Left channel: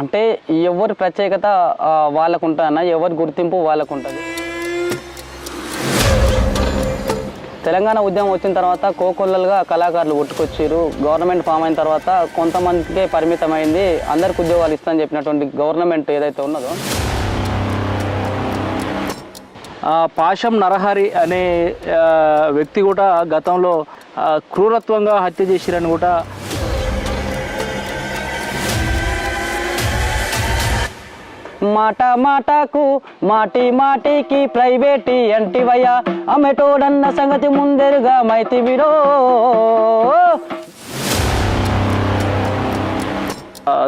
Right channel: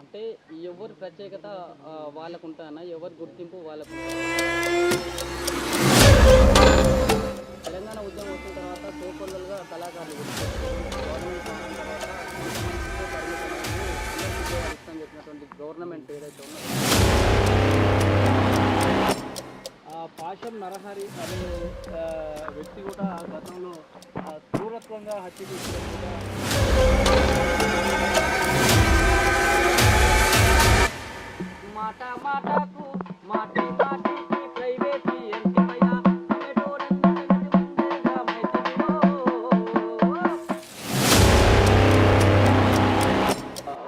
అంటే ఎవరి ప్రత్యేకత వాళ్ళకు ఉంటుందన్న, ఎవరి గుర్తింపు వాళ్ళకు ఉంటుంది. తెలంగాణ ఉద్యమం వచ్చిన తర్వాత కోకొల్లలుగా కళాకారులు పుట్టుకొచ్చారు. గవర్నమెంట్ ఫామ్ అయిన తర్వాత కొంతమందికే పరిమితమైంది, అందరికి ఉద్యోగాలు ఇస్తామని చెప్పినటువంటి గవర్నమెంట్ ఏదైతే ఉన్నదో. పాశం నరహరి అనే వ్యక్తి కూడా గతంలో క్రూరత్వంగా హత్య చేసిరని కూడా మాట మాటకు మాటి మాటికి ప్రైవేటీ అంటివయ్యా అమెటోడన్న సంగతి ముందరుగా మైతివిరో.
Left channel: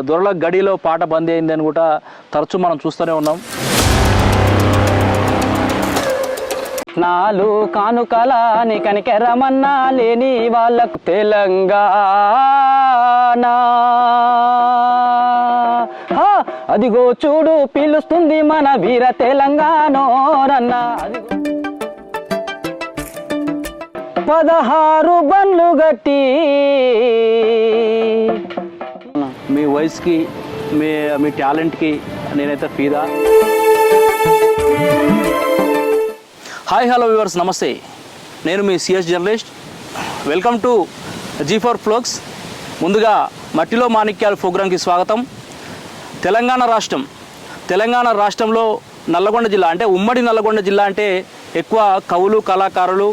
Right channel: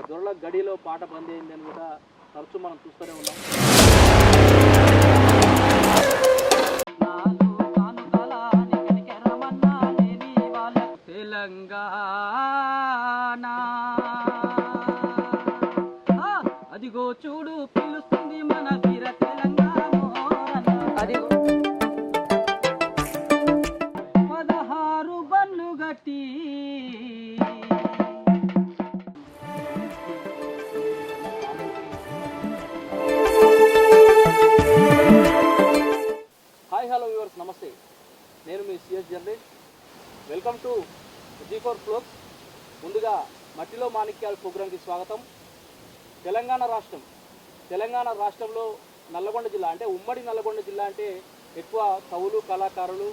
దొరల గడిలో పాట బందీ అయిందని కూడా తరచూ మనం చూస్తూనే ఉన్నాం. నాలు కానుకలాని కనికెరమన్నా లేని వాళ్ళకు తెలంగాణ అదిగో చూడు పిలుస్తుంది మన వీర తెలంగాణోరన్న. 16 బండ్లు గట్టి మీ వయసుకి మీ టాలెంట్కి నేనైతే ఫీదా. హాయ్ హలో వ్యూవర్స్, నమస్తే. నేను మీ CS journalist. Welcome to G4 Vlogs. ముందుగా మట్టిలో మాణిక్యాలు ప్రోగ్రాంకి స్వాగతం. తెలంగాణ రాష్ట్రంలో నల్లగొండ జిల్లా అంటే ఉమ్మడి నల్లగొండ జిల్లా అంటే ఎక్కువ కవులు, కళాకారులు,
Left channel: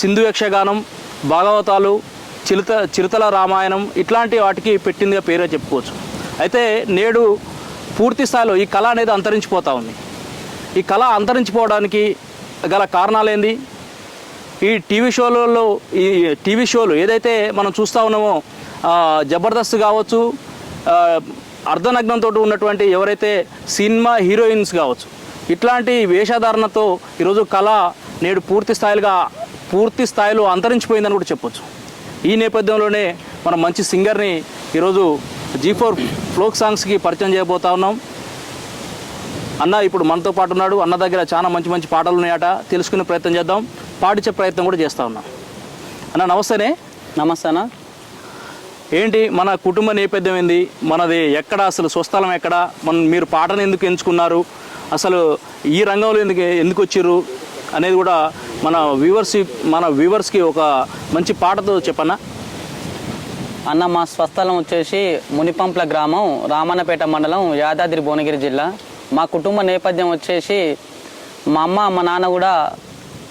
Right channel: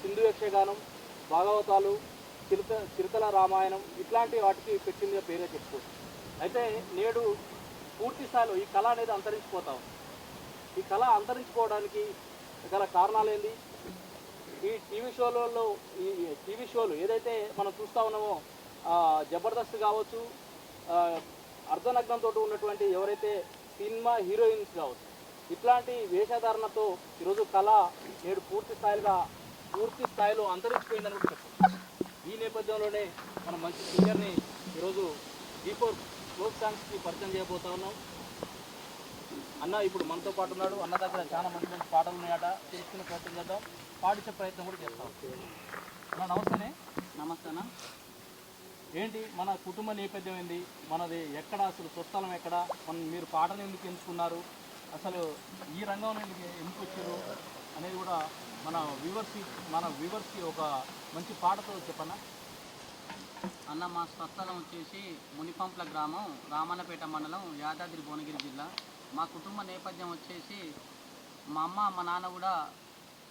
సింధు యక్షగానం, భాగవతాలు, చిరుతల రామాయణం ఇట్లాంటి వాటికి పెట్టిందిగా పేరే చెప్పుకోవచ్చు. అయితే నేడు పూర్తి స్థాయిలో ఈ కళ అనేది అంతరించిపోతూ ఉంది. ఈ కళ అంతరించిపోవడానికి గల కారణాలేంది? ఈ టీవీ షోలు ఏదైతే మనం చూస్తూ ఉన్నామో, జబర్దస్త్ కావచ్చు, అర్ధనగ్నంతో ఉన్నటువంటి ఎవరైతే సినిమా హీరోయిన్స్ కావచ్చు, ఇట్లాంటి వేషధారణతో ఈరోజు కళ నేడు పూర్తి స్థాయిలో అంతరించిపోయిందని కూడా చెప్పొచ్చు. ఈ నేపథ్యంలోనే మనం మంచి సింగర్ని ఈరోజు G4 Folk Songsకి పరిచయం చేయబోతా ఉన్నాం. అన్న ఇప్పుడు మనతో పాటు ఉన్నాడు. అన్న దగ్గర చాలా మంచి పాటలు ఉన్నాయట, తెలుసుకునే ప్రయత్నం చేద్దాం, పాటించే ప్రయత్నం కూడా చేస్తూ ఉన్నాం. అన్న నమస్తేనే. నమస్తే అన్న. ఏంటి మన కుటుంబ నేపథ్యం ఏంది, మనది ఎక్కడ, అసలు స్వస్థలం ఎక్కడ, మీరు పాటను ఎందుకు ఎంచుకున్నారు, అసలు ఈ రంగంలో ఎందుకు వచ్చిర్రు అనేది కూడా మన వ్యూవర్స్కి ఒక మంచి పాటతో చెప్పన్నా. అన్న మా స్వస్థలం వచ్చేసి మునిపంప్ల గ్రామం, రామన్నపేట మండలం, యాదాద్రి భువనగిరి జిల్లా. మా కుటుంబ నేపథ్యం వచ్చేసి మా అమ్మ మా నాన్న కూడా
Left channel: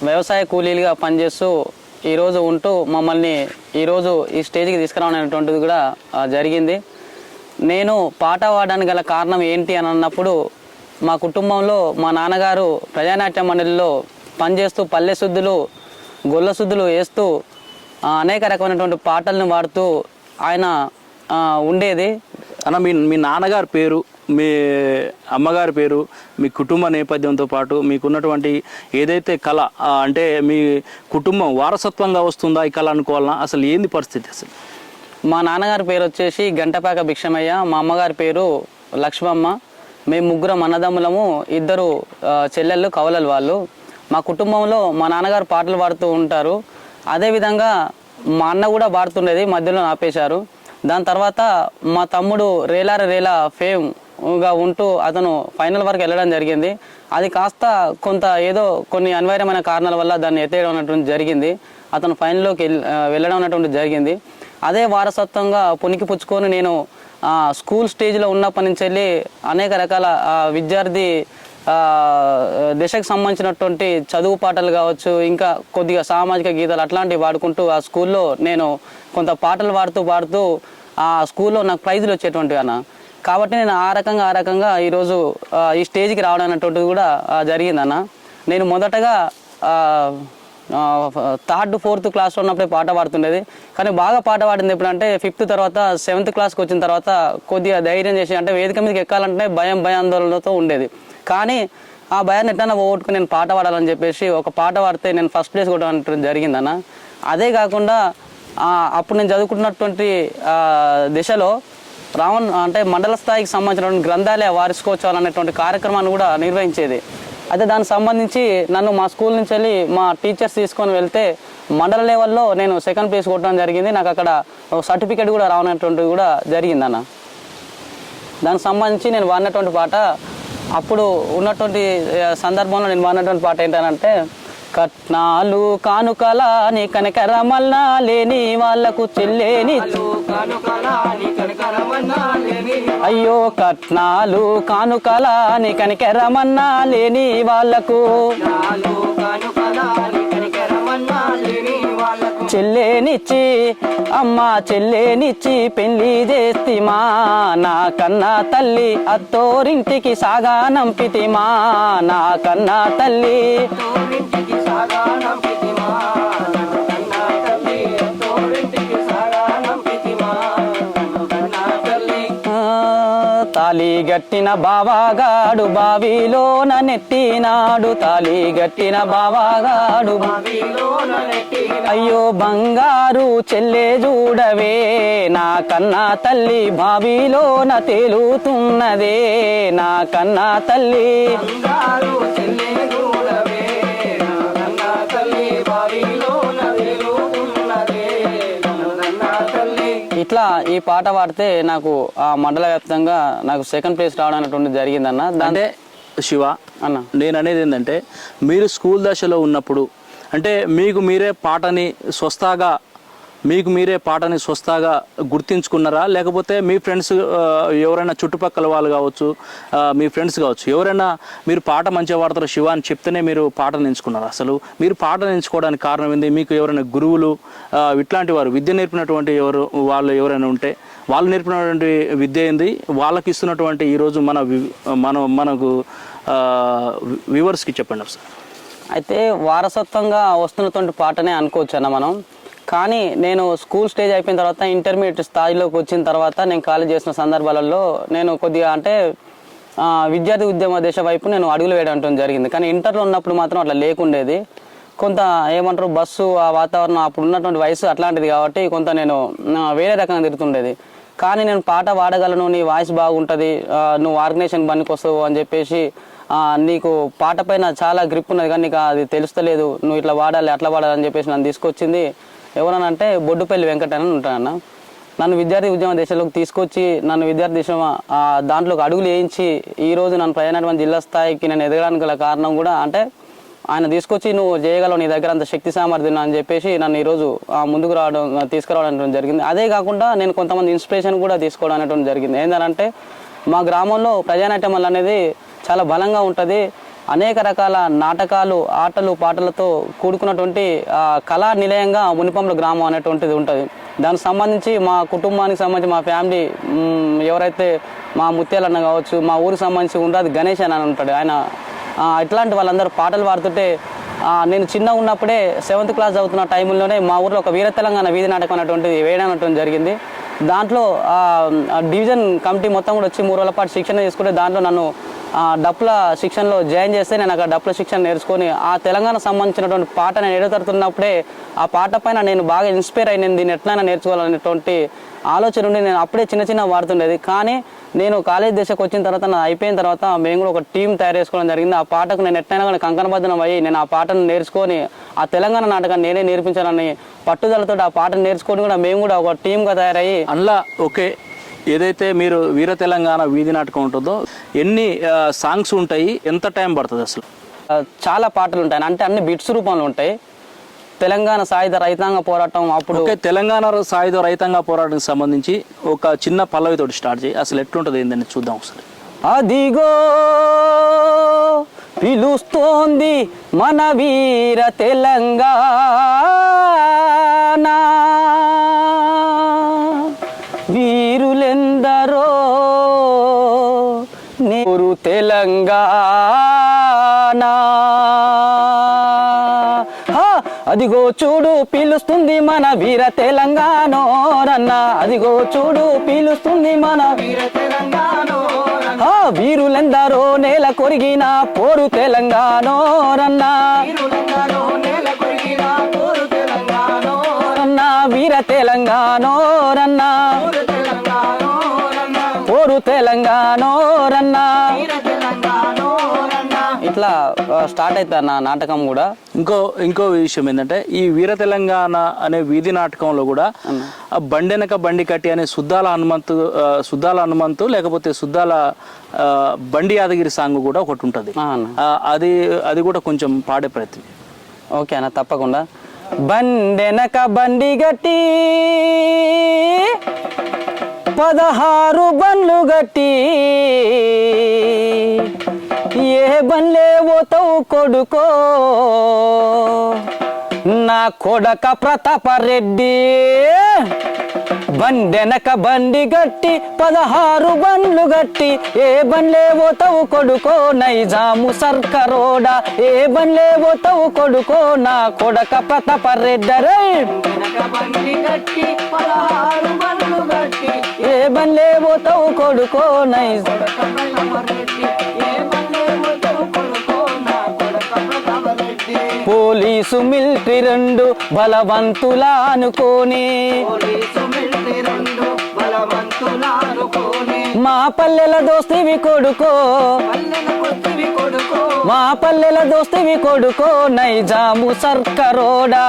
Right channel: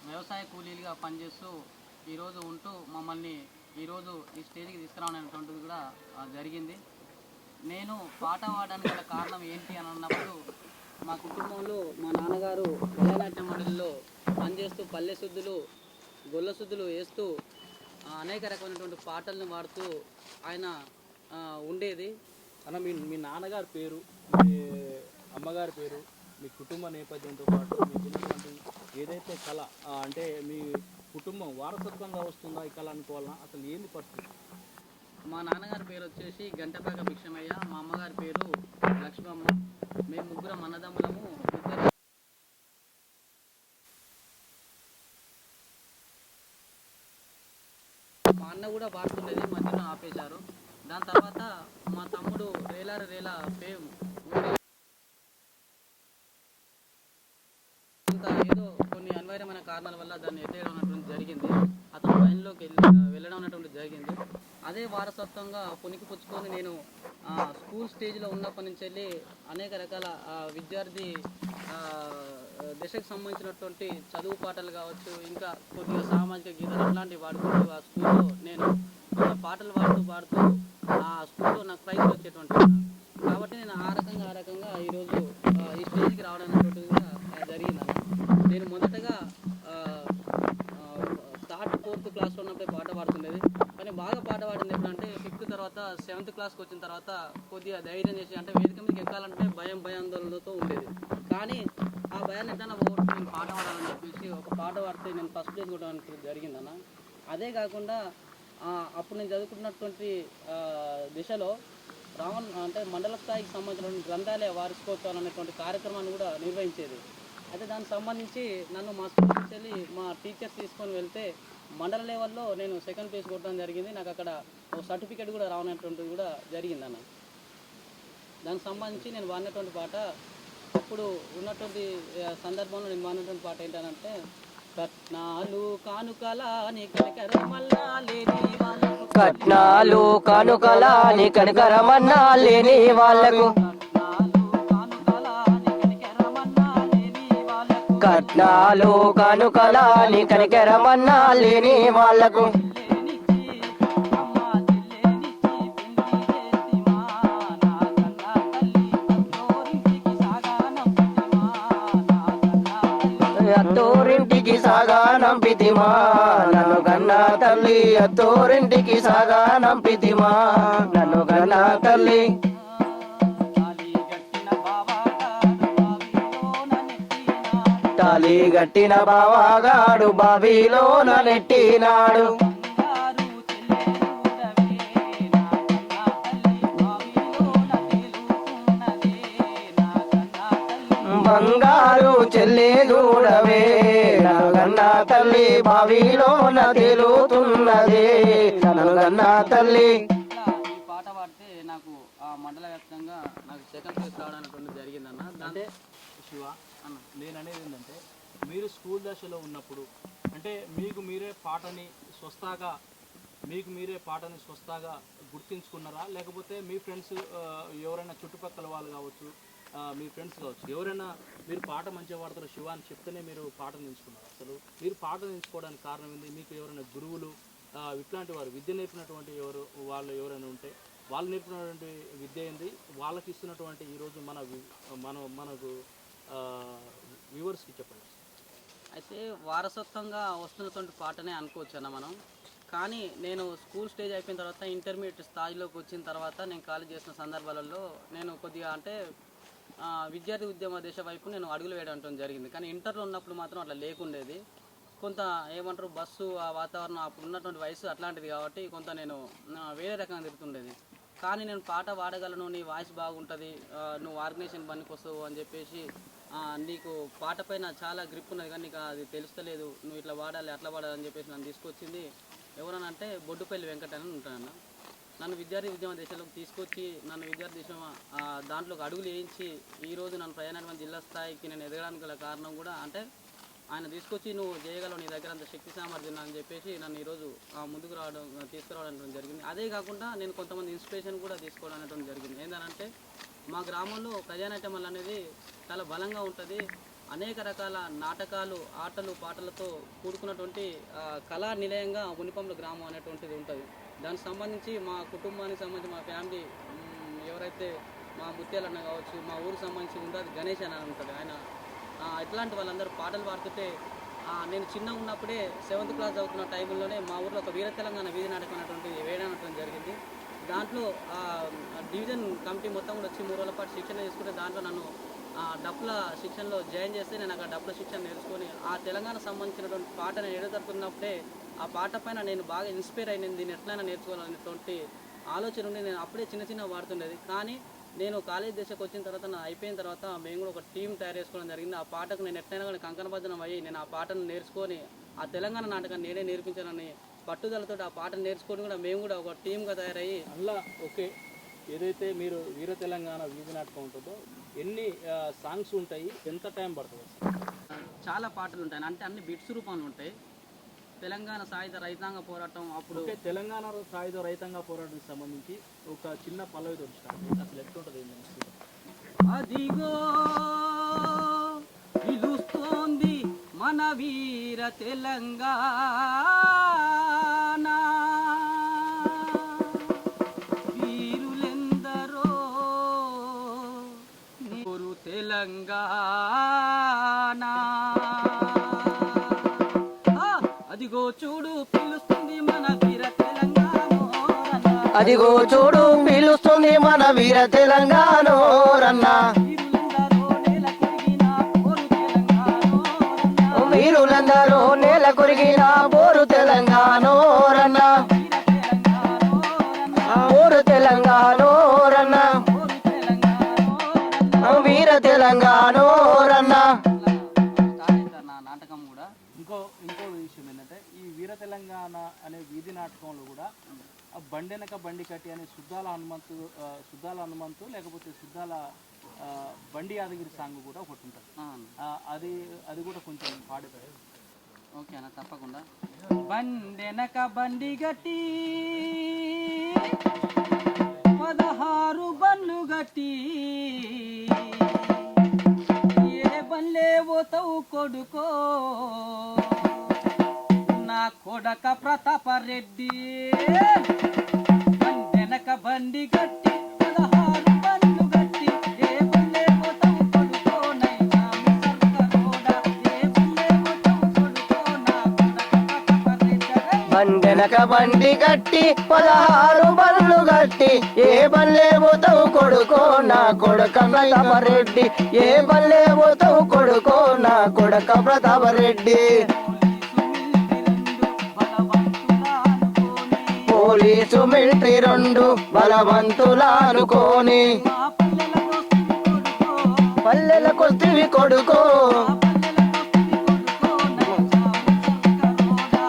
వ్యవసాయ కూలీలుగా పనిచేస్తూ ఈరోజు ఉంటూ మమ్మల్ని ఈరోజు ఈ స్టేజ్కి తీసుకురావడం కూడా జరిగింది. నేను పాట పాడడానికి గల కారణం ఏంటి అని అన్నప్పుడు, మా కుటుంబంలో మా నాన్నగారు ప్రజానాట్య మండలిలో పనిచేస్తూ పల్లె శుద్ధులు, గొల్ల శుద్ధులు వేస్తూ అనేక రకమైనటువంటి పాటలను పాడుతూ ఆయన ఉండేది. అన్న మీ నాన్నగారి పేరు, మీ అమ్మగారి పేరు, మీ కుటుంబ నేపథ్యంతో పాటు మీకున్నటువంటి ఏదైతే కళ, అంటే మీ కుటుంబం వారసత్వంగా వస్తుందా ఈ కళ అనుకోవాలన్నా, అసలు ఏంది పరిస్థితి? అసలు మా నాన్నగారి పేరు వచ్చేసి గంటపాక భిక్షమయ్య, మా అమ్మగారి పేరు లక్ష్మమ్మ. మేము ముగ్గురం అన్నదమ్ములము, 2 చెల్లెళ్ళు, కవలలు వాళ్ళు. మా కుటుంబంలో మా నాన్నగారు పాటలు పాడుతూ ఉంటారు. అదేవిధంగా మా అన్న కూడా పాడుతుండేది, మధ్యలో ఆపేశారు. దాని తర్వాత మా తమ్ముడు రేలా ఫేమ్గా ఉంటూ అతను ఫైనల్ వరకు వెళ్ళడం జరిగింది. అది కాస్త కొన్ని అనివార్యమైన కారణాల వల్ల దాన్ని ఎత్తేయడం అనేటువంటి జరిగింది. అతను ఫైనల్లోకి వెళ్ళడం అనేటువంటి జరిగింది. అదే వారసత్వంగా పునికి పుచ్చుకొని నేను స్కూల్ స్టేజ్లో ఉన్నప్పటి నుంచి వెళ్ళి అనేక రకాల విద్యార్థి దశకు సంబంధించినటువంటి చదువు పాటలు కావచ్చు, ఇంకా కొద్దిగా సామాజిక గీతాలు అట్లాంటివి పాడుకుంటూ ఆ స్కూల్లో నేను కొంత పాటలు పాడుతూ ఆ స్కూల్లో నాకు ప్రైజులు వచ్చేటువంటివి అన్న. కాబట్టి నేను ఆ రకంగా ఈరోజు ఈ స్టేజ్కి రావడం అనేటువంటిది కూడా జరిగిందన్న. నేను మొదటగా 3rd 4th క్లాస్లో ఉన్నప్పుడే పాట పాడుతుండేది. కానీ బాగా పాట పాడింది ఎప్పుడంటే 5th తర్వాత 7th క్లాస్కి వచ్చిన తర్వాత కొద్దిగా ధైర్యం చేసి, అంటే వేదిక మీదకి ఎక్కాలంటే భయాందోళనతో ఉండేది. కానీ ఆ భయాన్ని ఎట్లా పోగొట్టుకుని నేను పాట పాడాలని చెప్పేసి ఒక పాట పాడితే నేను ఫస్ట్ ప్లేస్ కొట్టడం జరిగిందన్న. అదే కాకుండా అప్పుడు నేను చదువుకున్నటువంటి దిశలో అంటే మండల స్థాయికి సంబంధించినటువంటి గ్రంథాలయ వార్షికోత్సవాలు అనేటువంటి కార్యక్రమాన్ని కూడా నిర్వహించేది. అయితే దానికి సంబంధించి నన్ను మా స్కూల్ నుంచి వెళ్ళి మా టీచర్స్ తీసుకొని వెళ్తే మండల లెవెల్లో నేను 2nd ప్లేస్ కొట్టడం జరిగింది. నాకు అక్కడ సర్టిఫికేట్ కూడా రావనటువంటిది కూడా జరిగిందన్న. దానికి సంబంధించి నేను వాడినటువంటి పాట అప్పుడు ఉన్నటువంటి సందర్భంలో నేను వాడినటువంటి పాట ఏంటంటే కట్నాలు కానుకలా నీ కనకరమల్లా లేని వాళ్ళకు చెల్లేని అయ్యో కట్నాలు కానుకలా నీ కనకరమన్నా లేని వాళ్ళకు చెల్లేనిచ్చి అమ్మ చెల్లేనిచ్చి పెళ్లి చేస్తిమా నా కన్నా తల్లి అత్తోరింటికి సాగా నంపితిమా నా కన్నా తల్లి తాలి గట్టిన బావాగాడు బావిలోన నెట్టినాడు తాలి గట్టిన బావాగాడు బావిలోన నెట్టినాడు అయ్యో బంగారు చెల్లె చూడవే నా కన్నా తల్లి బావిలోన తేలుతున్నదే నా కన్నా తల్లి బంగారు చెల్లె చూడవే నా కన్నా తల్లి బావిలోన తేలుతున్నదే నా కన్నా తల్లి. ఇట్లా ఈ పాట పాడితే నాకు ఆ మండల వ్యాప్తంగా నాకు సెకండ్ ప్లేస్ రావడం అనేటువంటి జరిగిందన్న. అంటే శివ అన్న నేను అనేది ఏంటంటే మీరు స్కూల్ దశలో ఉన్నప్పుడు అంటే మీకు మీరే పాటని స్వస్థాగా గుర్తించుకున్నారా, లేకపోతే మీ ఫ్రెండ్స్ ఎవరైనా చుట్టుపక్కల వాళ్ళు కావచ్చు, మీ ఫ్రెండ్స్ కావచ్చు, ఎవరైనా మీరు పాట మంచిగా పాడతారు శివ అని చెప్తేనే మీరు పాటను ఎంచుకున్నారా? అసలు మీరు పాటను ఎంచుకోవడానికి కారణం ఏంది? మీకు ఎవరైనా గురువులు ఇట్లాంటి వారు విద్య నేర్పినటువంటి వాళ్ళు ఎవరైనా ఉంటే వాళ్ళు నేర్పినటువంటి విద్య ఏంది, వాళ్ళకి ఇస్తున్నటువంటి ఈరోజు మనకు వ్యూవర్స్కి చెప్పండి ఒకసారి. అయితే వారసత్వంగా వస్తున్నటువంటి పాటనే అనుకోవచ్చు అన్న మనం. కానీ నేను స్కూల్ స్టేజ్ అయిపోయిన తర్వాత ఇంటర్మీడియట్ స్థాయిలోకి వచ్చిన తర్వాత నేను కాలేజ్ చేసిన సందర్భాలలో నేను కొద్దిగా అంటే విద్యార్థి ఉద్యమ దశ వైపు నేను అడుగులు వేయడం జరిగింది. కానీ ఇంటర్లో ఉన్నప్పుడు మాత్రం అట్లా లేకుండేది. కొంత ఏమంటారు బస్సు ఆ వాతావరణం అప్పుడు ఉన్నటువంటి వయసు అట్లాంటిది కాబట్టి కొంత నేను వేరే రకంగా తిరుగుతుండేది. కానీ నేను పాట పాడగలను, నీ వాయిస్ బాగుంటుంది, నువ్వు ఆర్గనైజేషన్ పనికి వస్తావు అని చెప్పేసి నీకు పాట పైన చాలా గ్రిప్ ఉన్నది కానీ నీకు అది తెలుస్తలేదు, నువ్వు ఇట్లా వాడాలి అట్లా వాడాలి అని చెప్పేసి నన్ను తీసుకొచ్చింది ఎవరనంటే బొడ్డుపల్లి వెంకట అని ఉంటానన్న. నన్ను విద్యార్థి ఉద్యమ దేశంలోకి తీసుకొచ్చి నన్ను విద్యార్థి దేశం దాంట్లోకి అడుగులు వేయించి ఈరోజు నన్ను ప్రయాణటువంటి జిల్లా స్థాయికి నేను ఎదగడానికి గల కారణం కూడా అంటే ఆయన తీసుకొచ్చి నువ్వు చేయగలవు, నీ దగ్గర అంత శక్తి సామర్థ్యం అని చెప్పేసి నన్ను ఈరోజు ముందుకు తీసుకురావడం అనేటువంటి జరిగింది. అదే కాకుండా నేను కొంతమంది ఇన్స్పిరేషన్ కూడా తీసుకోవడం అనేటువంటి జరిగింది. ఏంటంటే మా గ్రామంలో ప్రజానాట్యం అనేది చాలా బలంగా ఉంటుంది. అనేక రకాల నాటకాలు, ఆటలు, పాటలతో కూడుకున్నటువంటి కళా నిలయంగా మునిపంల గ్రామం అనేటువంటిది ఉంటుంది. దానికి సంబంధించి మా కుటుంబానికి సంబంధించి మా ఫ్యామిలీ ఎవరైతే మా ముత్యాలన్న కావచ్చు, మా ఊరికి సంబంధించి ఉండదు గణేష్ అని ఉంటాడు. ఆయన ఇట్లాంటి వాళ్ళందరూ పాటలు పాడుతుంటే నేను చిన్న ఉన్నప్పుడే 7th క్లాస్ చదువుతున్న టైంలోనే మా ఊర్లో ఒక వీర తెలంగాణ వీధి నాటకం అనేటువంటిది వేయడం అనేటువంటి జరిగింది. దాంట్లో డివిజన్ కమిటీ మొత్తం కూడా వచ్చి 3 రోజుల పాటు శిక్షణ తీసుకుంటే దాంట్లో నన్ను డప్పుల శిక్షణలో జాయిన్ చేస్తే నేను అక్కడ డప్పుల శిక్షణ నేర్చుకొని ఆ తెలంగాణ సంబంధించినటువంటి పాట నేను ఎడతడుతున్నప్పుడే ఆ పాట పైన నేను బాగా ఇన్స్పైర్ అయిన దీన్ని ఎట్లయినా నేర్చుకోవాలనేటువంటి ఆలోచన ఉండి నేను అప్పుడే చిన్న వాడుతుండేది. కానీ నేను కాలేజ్ దశకు వచ్చిన తర్వాత నా అయిపోయిన తర్వాత మేము కూడా ఒక టీం తయారు చేసుకోవడం జరిగింది. ఆ పాటకు నేను ఎట్లయినా కానీ కంకణబద్ధనం అయ్యి నేను ఆ పాటను నేర్చుకొని ఆ తెలంగాణ నాటకాన్ని నేనే నేర్పించాలని పట్టుదలతో ఆ పాటను నేర్చుకొని కూడా మేము కూడా ఒక టీమ్గా తయారయ్యి అందులో ఓకే ఏదైతే మీరు వీర తెలంగాణ వీధి నాటకం ఉంటుందో ఎన్ని సాంగ్స్ ఉంటాయి, ఎంత టైం పడుతుంది అసలు? చాలా పాటలు ఉంటాయి, అంటే అన్ని బిట్స్ రూపంలో ఉంటాయి. తెలంగాణ సాయుధ రైతాంగ పోరాటం అప్పుడు తెలంగాణ సాయుధ రైతాంగ పోరాటానికి సంబంధించి ఒక చిన్న పల్లవితోటి స్టార్ట్ చేయి, అసలు ఎట్లుంటుంది ఏందని చూద్దాం ఒకసారి. అదిగో పిలుస్తోంది మన వీర తెలంగాణ, వీరులెందరో నేరు తెలంగాణ, అదిగో చూడు పిలుస్తుంది మన వీర తెలంగాణ రన్న, అదిగో చూడు పిలుస్తుంది మన వీర తెలంగాణ రన్న, వీరులెందరో నేల కొరిగిన పోరు తెలంగాణ రన్న, వీరులెందరో నేల కొరిగిన పోరు తెలంగాణ రన్న, వీర తెలంగాణ రన్న, పోరు తెలంగాణ రన్న, పోరు తెలంగాణ రన్న, వీర తెలంగాణ రన్న. ఇట్లా స్టార్ట్ స్టార్ట్ అవుతుంది అన్న నాటకం కూడా. ఇంకో విషయం ఏంటంటే ఈ వీర తెలంగాణ అనే వీధి నాటకంలో కూడా బండెనక బండి కట్టి అనే సుద్దాల హనుమంతు లేకపోతే సుద్దాల బండి యాదగిరి సాంగ్ కూడా ఒకటి ఉంటుంది. అది కూడా కొంచెం పాడే ప్రయత్నం. ఓకే అన్న, తప్పకుండా. బండెనక బండి గట్టి 16 బండ్లు గట్టి ఏ బండ్లే పోతావు కొడుకో నా కొడక ప్రతాపరెడ్డి. బండెనక బండి గట్టి 16 బండ్లు గట్టి ఏ బండ్లే పోతావు కొడుకో నైజాము సర్కరోడా ఏ బండ్లే పోతావు కొడుకో నా కొడక ప్రతాపరెడ్డరే. బండెనక బండి గట్టి 16 బండ్లు గట్టి ఏ బండ్లే పోతావు కొడుకో నా కొడక ప్రతాపరెడ్డి ఏ బండ్లే పోతావు కొడుకో నా కొడక ప్రతాపరెడ్డి. పోలీసు మిలిటరీ రెండు బలవంతులా అనుకోని పోలీసు మిలిటరీ రెండు బలవంతులా అనుకోని మా పల్లెల దోస్తివి కొడుకో పల్లెల కొద్దివి కొడుకో మా పల్లెల దోస్తివి కొడుకో నైజాము సర్కరోడా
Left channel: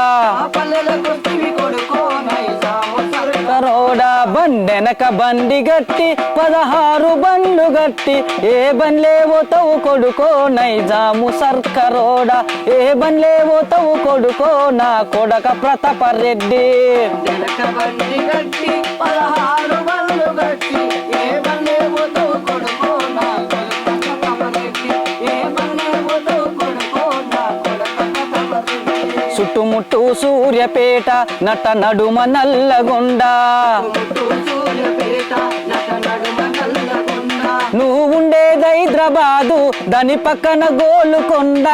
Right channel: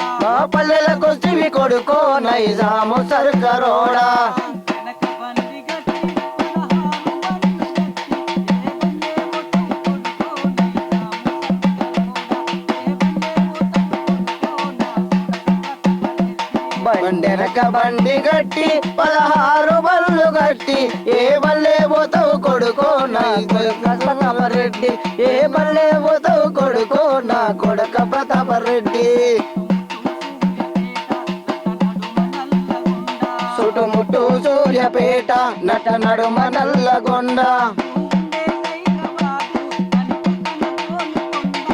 పల్లెల కొద్దివి కొడుకో నైజాము సర్కరోడా. బండెనక బండి గట్టి 16 బండ్లు గట్టి ఏ బండ్లే పోతావు కొడుకో నైజాము సర్కరోడా ఏ బండ్లే పోతావు కొడుకో నా కొడక ప్రతాపరెడ్డి. బండెనక బండి గట్టి 16 బండ్లు గట్టి ఏ బండ్లే పోతావు కొడుకో నా కొడక ప్రతాపరెడ్డి ఏ బండ్లే పోతావు కొడుకో నా కొడక ప్రతాపరెడ్డి. చుట్టుముట్టు సూర్యపేట నట నడుమ నల్లగొండ చుట్టుముట్టు సూర్యపేట నట నడుమ నల్లగొండ నువ్వు ఉండేది హైదరాబాదు దాని పక్కన గోలుకొండ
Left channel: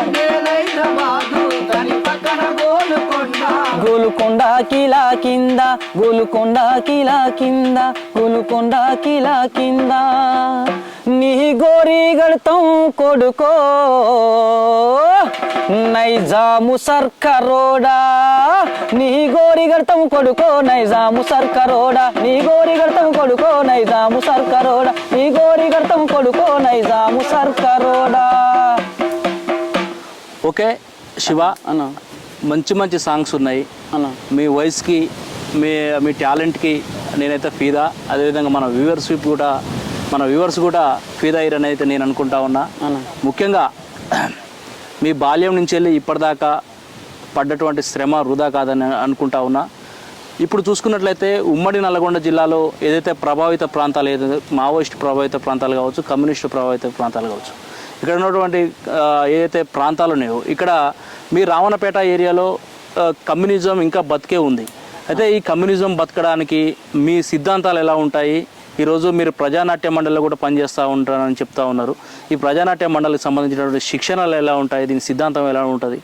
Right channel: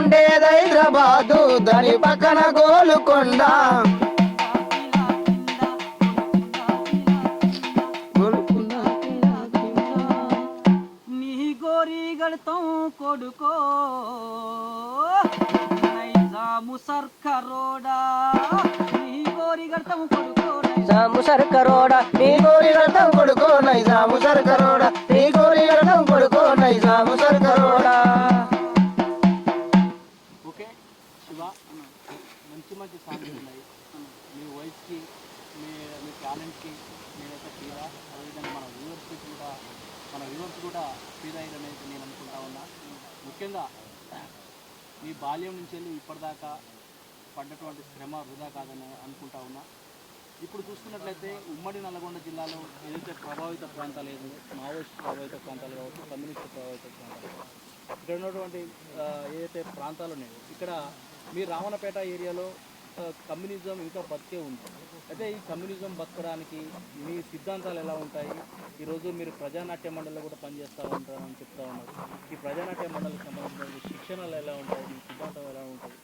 ఉండేది హైదరాబాదు దాని పక్కన గోలుకొండ గోలుకొండ కిలా కింద గోలుకొండ కిలా కింద గోలుకొండ కిలా కింద నీ గోరి గడతాం కొడుకో నైజాము సర్కరోడా నీ గోరి గడతాం కొడుకో నైజాము సర్కరోడా నీ గోరి గడతాం కొడుకో నైజాము సర్కరోడా నీ గోరి గడతాం కొడుకో నైజాము సర్కరోడా. ఓకే శివ అన్న, మంచి సాంగ్స్ ఉన్నాయి అన్న. మీ వాయిస్కి మీ టాలెంట్కి నేనైతే ఫీదా. అదేవిధంగా మన వ్యూవర్స్ కూడా ఫీదా అయ్యారని అయితే నేను అనుకుంటా ఉన్నా. ముఖ్యంగా మీ బాల్యం నుంచి వెళ్ళి ఇప్పటిదాకా పడ్డటువంటి శ్రమ వృధా కాదని అనుకుంటా ఉన్నా. ఇప్పుడు చూసుకున్నట్లయితే ఉమ్మడి నల్లగొండ జిల్లాలో ఏదైతే ప్రభావిత ప్రాంతాలు ఏదైతే మావోయిస్ట్ ప్రభావిత ప్రాంతాలు కావచ్చు, కమ్యూనిస్టు ప్రభావిత ప్రాంతాలు కావచ్చు, ఇక్కడ ఉన్నటువంటి ఏదైతే ప్రాంతాలు ఉన్నాయో ఇక్కడ మీ రావణపేట ఏరియాలో కమ్యూనిజం ఇంకా బతికే ఉంది. అయితే ఈ కమ్యూనిజం బతకడానికి మీ సిద్ధాంతాలు ఎలా ఉంటాయి? ఈరోజు మీరు ప్రజానాట్య మండలిలో కూడా పనిచేస్తూ ఉంటారని చెప్తా ఉన్నారు. ఈ ప్రజానాట్య మండలికి సంబంధించినటువంటి శిక్షణలు ఎలా ఉంటాయి? దీని సిద్ధాంతం ఎలా ఉంటుంది?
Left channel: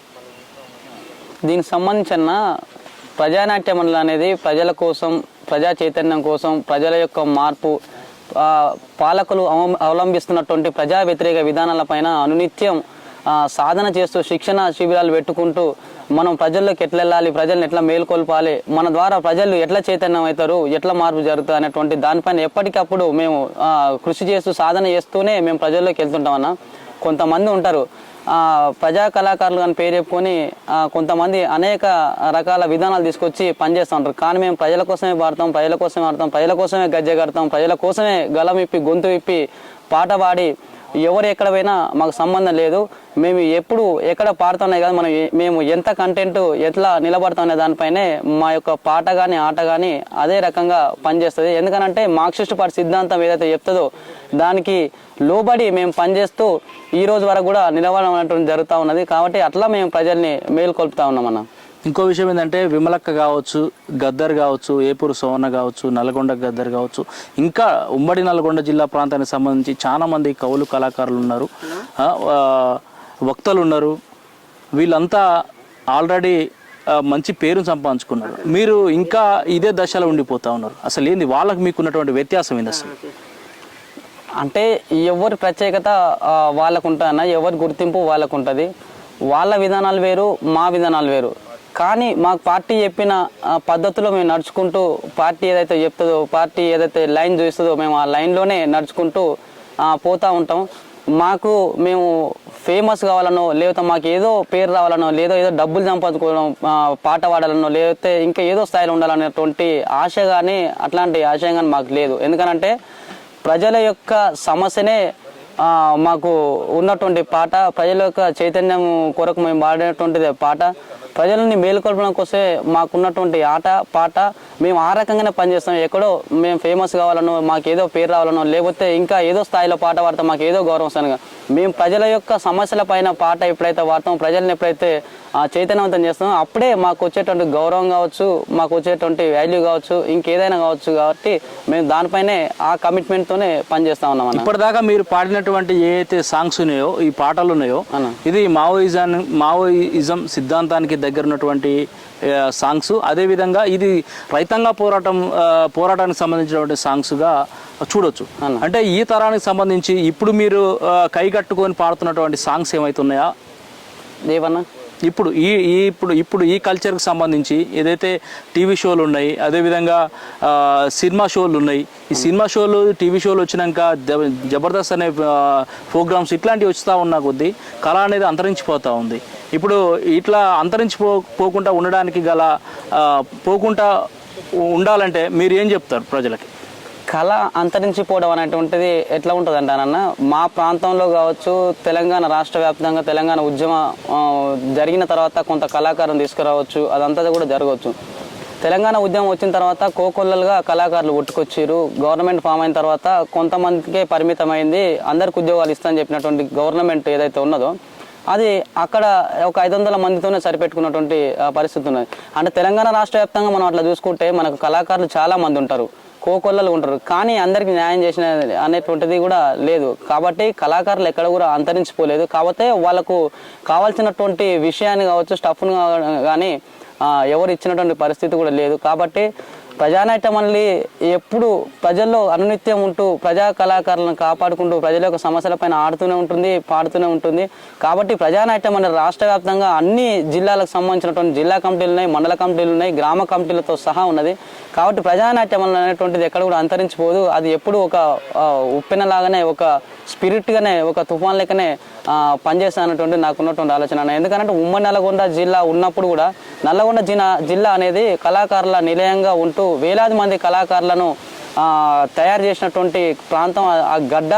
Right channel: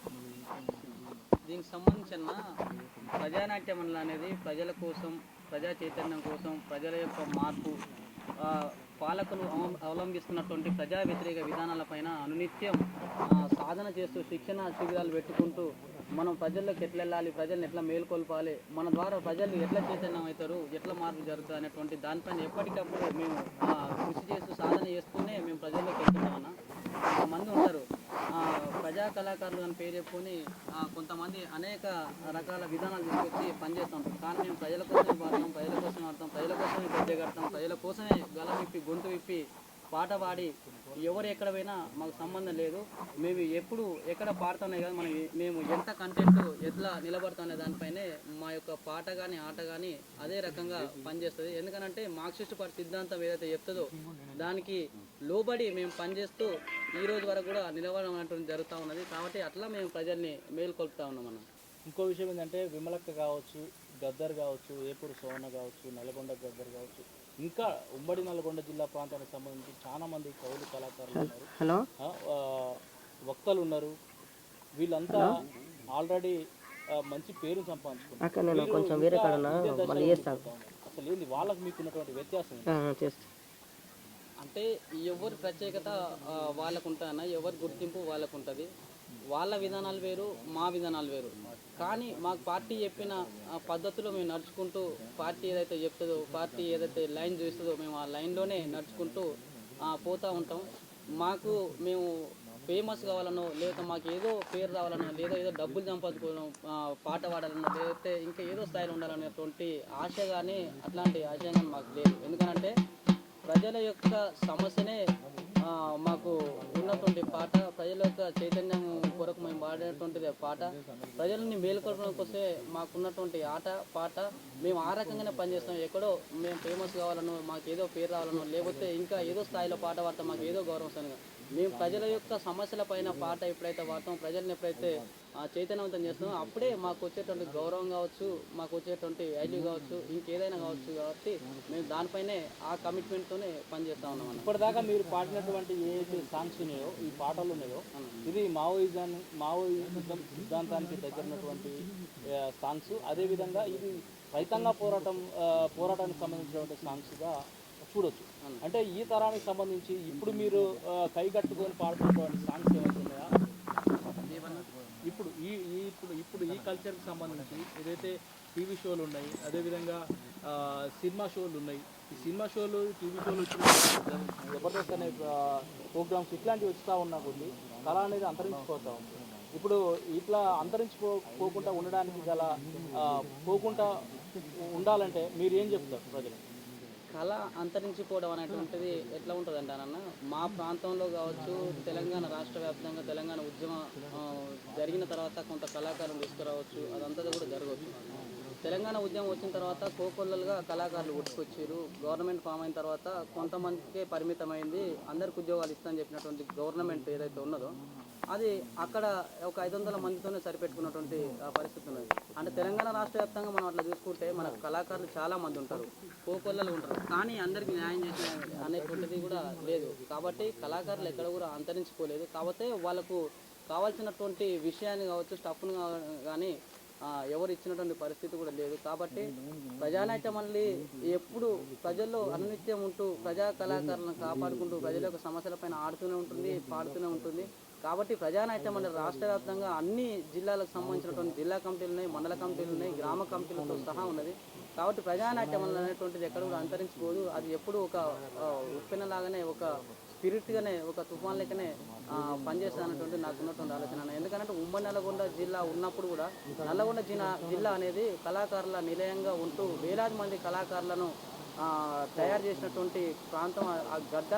దీనికి సంబంధించిన ప్రజానాట్య మండలి అనేది ప్రజల కోసం, ప్రజా చైతన్యం కోసం, ప్రజల యొక్క మార్పు, పాలకులు అవలంబిస్తున్నటువంటి ప్రజా వ్యతిరేక విధానాలపైన అనునిత్యం సాధన చేస్తూ శిక్షణ శిబిరాలు పెట్టుకుంటూ మనం ప్రజల్లోకి ఎట్లా వెళ్ళాలి, ప్రజల్ని ఎట్లా మేల్కొల్పాలి, మన ద్వారా ప్రజలు ఎట్లా చైతన్యం అవుతారు, ఎట్లా మార్పు జరుగుతుంది అనేటువంటి దానిపైన ఎప్పటికప్పుడు మేము కృషి చేస్తూ సాధన చేస్తూనే మేము ప్రజల్లోకి వెళ్తుంటామన్నా. కొంతమంది ఉంటారు ప్రజా కళాకారులు అని పేరు చెప్పుకొని కొంతమంది అనేక రకాల విధానాలు తీసుకొచ్చి పనిచేస్తూ ఉంటారు. కానీ మేము ప్రజల కోసమే పాడతాం, ప్రజల కోసమే ఆడతాం, ప్రజల కోసమే గజ్జె కడతాం, ప్రజల కోసమే గలం విప్పి గొంతు విప్పి పాట పాడి ఎవరు ఎక్కడ పోయినా మాకు సంబంధం లేదు. మేము ఎప్పుడు ఎక్కడ పాడుతున్నాయి కదా, మేము ఎంత కంటెంట్ ఎట్లా నిలబడుతున్న దానిపైనే మా యొక్క పాట కానీ ఆట కానీ అదే రకంగా పనిచేస్తుంది. ఎందుకనంటే మార్క్సిస్ట్ పార్టీ సిద్ధాంతం ఏదైతే చెప్తుందో దానికి లోబడి మేము పనిచేస్తూ ఈ రోజు వరకు కూడా నిలబడడం అనేటువంటి జరుగుతూ ఉన్నది. కాబట్టి అట్లా మేము ప్రజల్ని మేల్కొల్పుతా ఉన్నామన్న. ఇంకో విషయం ఏంటంటే విమలక్క కావచ్చు, గద్దర్ కావచ్చు, ఏపూరు సోవన్న కావచ్చు, నల్గొండ గద్దర్ కావచ్చు, ఇంకా ఉమ్మడి నల్గొండ జిల్లా ప్రాంతానికి సంబంధించి చాలా మంది కవులు కళాకారులు ఉన్నారు, వక్తలు ఉన్నారు. వీళ్ళంతా ఆల్రెడీ మంచి పేరును సంపాదించుకున్నారు. మీరు ఇంకా ఇదే దశలో ఉండిపోతూ ఉన్నారు. అసలు ఏంది వాళ్ళకి మీకున్నటువంటి వ్యత్యాసం ఏంది అసలు? అంటే ఎవరి ప్రత్యేకత వాళ్ళకు ఉంటుందన్న, ఎవరి గుర్తింపు వాళ్ళకు ఉంటుంది. వాళ్ళ విధానాలు వేరు, మా విధానాలు వేరు. కానీ మాకు పార్టీ చెప్పిన పద్ధతిలో మేము నడుచుకుంటూ, పార్టీ ఏదైతే చెప్తుందో, పార్టీ ఏదైతే లైన్ చూస్తుందో మేము ఆ లైన్లోనే నడుచుకుంటూ పోతూ ఉంటాం. మాకు మేము ఫేమస్ కావాలనో లేకపోతే మాకు ఏదో పేరు రావాలనో లేదో ఏదో డబ్బులు సంపాదించుకోవడం పాట పాడాలనో లేకపోతే ఇంకా ఏదో స్థాయిలో ఉండాలనేటువంటి ఆశ కానీ అట్లాంటి ఆశయం కానీ మాకు లేదు. ఎందుకనంటే ప్రజల యొక్క సమస్యనే మాకు ఉన్నటువంటి పాట, ప్రజల యొక్క చైతన్యం కొరకు మేము పాడేటువంటిది పాట, ప్రజలని మేలుకొల్పడం కోసమే మాకున్నటువంటి ఆట పాట. మేము ఆ రకంగానే పనిచేస్తాం. ఎక్కడో మేము ఫేమస్ కావాలనో మాకు ఏదో పేరు రావాలనో లేకపోతే ఇంకా ఏదో స్థాయిలో పాట పాడతాం మాకు ఏదో గౌరవం వస్తాను. మేము ప్రజల యొక్క సమస్యల పైన పాట ఎప్పుడైతే పాడతాం, ప్రజల్ని ఎప్పుడైతే చైతన్యవంతం చేస్తామో అప్పుడే మాకు వచ్చేటువంటి గౌరవం కావచ్చు, మాకు వచ్చేటువంటి వాల్యూ కావచ్చు, ఇంకేదైనా కావచ్చు. కాబట్టి మేము దానిపైనే ఆ కమిట్మెంట్తోనే పనిచేస్తా ఉన్నాం అన్న. ఇప్పటిదాకా మీరు పాడినటువంటి ఏదైతే సాంగ్స్ ఉన్నాయో, ఈ పాటలు ఉన్నాయో, ఇది మావోయిజం సిద్ధాంతానికి దగ్గర ఉన్నటువంటి సాంగ్స్. అదేవిధంగా ఇది రైతాంగ పోరాటానికి సంబంధించినటువంటి సాంగ్స్గా చూడొచ్చు. అంటే ఈ తరానికి సంబంధించి ఇప్పుడు మీరు కై కట్టుకొని పాడుతున్నటువంటి సాంగ్స్ ఏమైతున్నాయా ఏమన్నా ఇప్పుడు ఇప్పుడు ఈ కల్చర్కి సంబంధించి ఏదైతే టీవీ షోలు ఉన్నాయి, అదేవిధంగా సినిమా షోలు ఉన్నాయి. ఈ సినిమా షోలు టీవీ షోలు వచ్చినాక జబర్దస్త్ అనే ప్రోగ్రామ్స్ ఇట్లాంటివి వస్తూ ఉన్న కొద్దీ కళ అనేది అంతరించిపోతూ ఉంది. ఇప్పుడు ఇట్లా అంతరించిపోకుండా ఉండడానికి గల పోకుండా ఉండాలంటే మీరు ఏం చెప్తారు ప్రజలకి? కళ అంతరించిపోవడం అనేటువంటిది ఎట్లా ఉంటుంది అంటానన్న, మా ప్రాంతంలో కావచ్చు, తెలంగాణ రాష్ట్ర వ్యాప్తంగా తెలంగాణ ఉద్యమం జరిగిన తర్వాత కొంత కళాకారులను తీసుకురావచ్చు, అదంతా కూడా జరగవచ్చు. తెలంగాణ ఉద్యమం వచ్చిన తర్వాత కోకొల్లలుగా కళాకారులు పుట్టుకొచ్చారు. గవర్నమెంట్ ఫామ్ అయిన తర్వాత కొంతమందికే పరిమితమైంది, అందరికి ఉద్యోగాలు ఇస్తామని చెప్పినటువంటి గవర్నమెంట్ ఏదైతే ఉన్నదో అది అక్కడ ఒక 500 మందితోనే సరిపెట్టుకున్నటువంటి పరిస్థితి ఉన్నది. అంటే తెలంగాణ రాష్ట్ర వ్యాప్తంగా మనం అట్లా చూసుకుంటే మనకు కళాకారులు చాలా మంది ఉంటారు, కోకొల్లలు ఉంటారు, కానీ అందరికి న్యాయం చేసిన అనేటువంటిది కూడా లేదు. కాబట్టి కళాకారులు ఎక్కడ కూడా అంతరించిపోలేదు. కాకపోతే వాళ్ళకు కావాల్సినటువంటి విషయాన్ని కావచ్చు, స్టఫ్ను కానీ ఎవరు ఇచ్చినటువంటి పరిస్థితి కూడా లేదు. కాబట్టి ప్రజానాట్యం మళ్ళీ ఎప్పుడు ప్రజల్లో అనునిత్యం ఉంటూ ప్రజా కళాకారులను కాపాడుకుంటూ ప్రజల యొక్క సమస్యలపైన ఆడుతూనే ఉంటుంది, పాడుతూనే ఉంటుంది. కాబట్టి ప్రజానాట్యం అనేది రాష్ట్ర వ్యాప్తంగా అన్ని జిల్లాలకు సంబంధించినటువంటి జిల్లా కమిటీలు ఉన్నాయి, మండల కమిటీలు ఉన్నాయి, గ్రామ కమిటీలతో సహా ఉన్నది. కాబట్టి ప్రజానాట్యం అనేటువంటిది ఎక్కడ కూడా అంతరించిపోదు. అది ఎప్పుడు ఒక ఉప్పెనలాగానే, ఒక స్పిరిట్గానే, ఒక తుఫాన్ లెక్కనే పనిచేస్తా అన్నటువంటి నాకు ఉన్నటువంటి ఆలోచన. ఎందుకంటే ఉమ్మడి నల్గొండ జిల్లా ఉన్నప్పుడు కూడా నల్లగొండ జిల్లా అనేది కళాకారుల నిలయంగా ఉంటూ వేలాది మంది కళాకారులను తయారు చేసినటువంటి ప్రాంతం ఆ గడ్డ,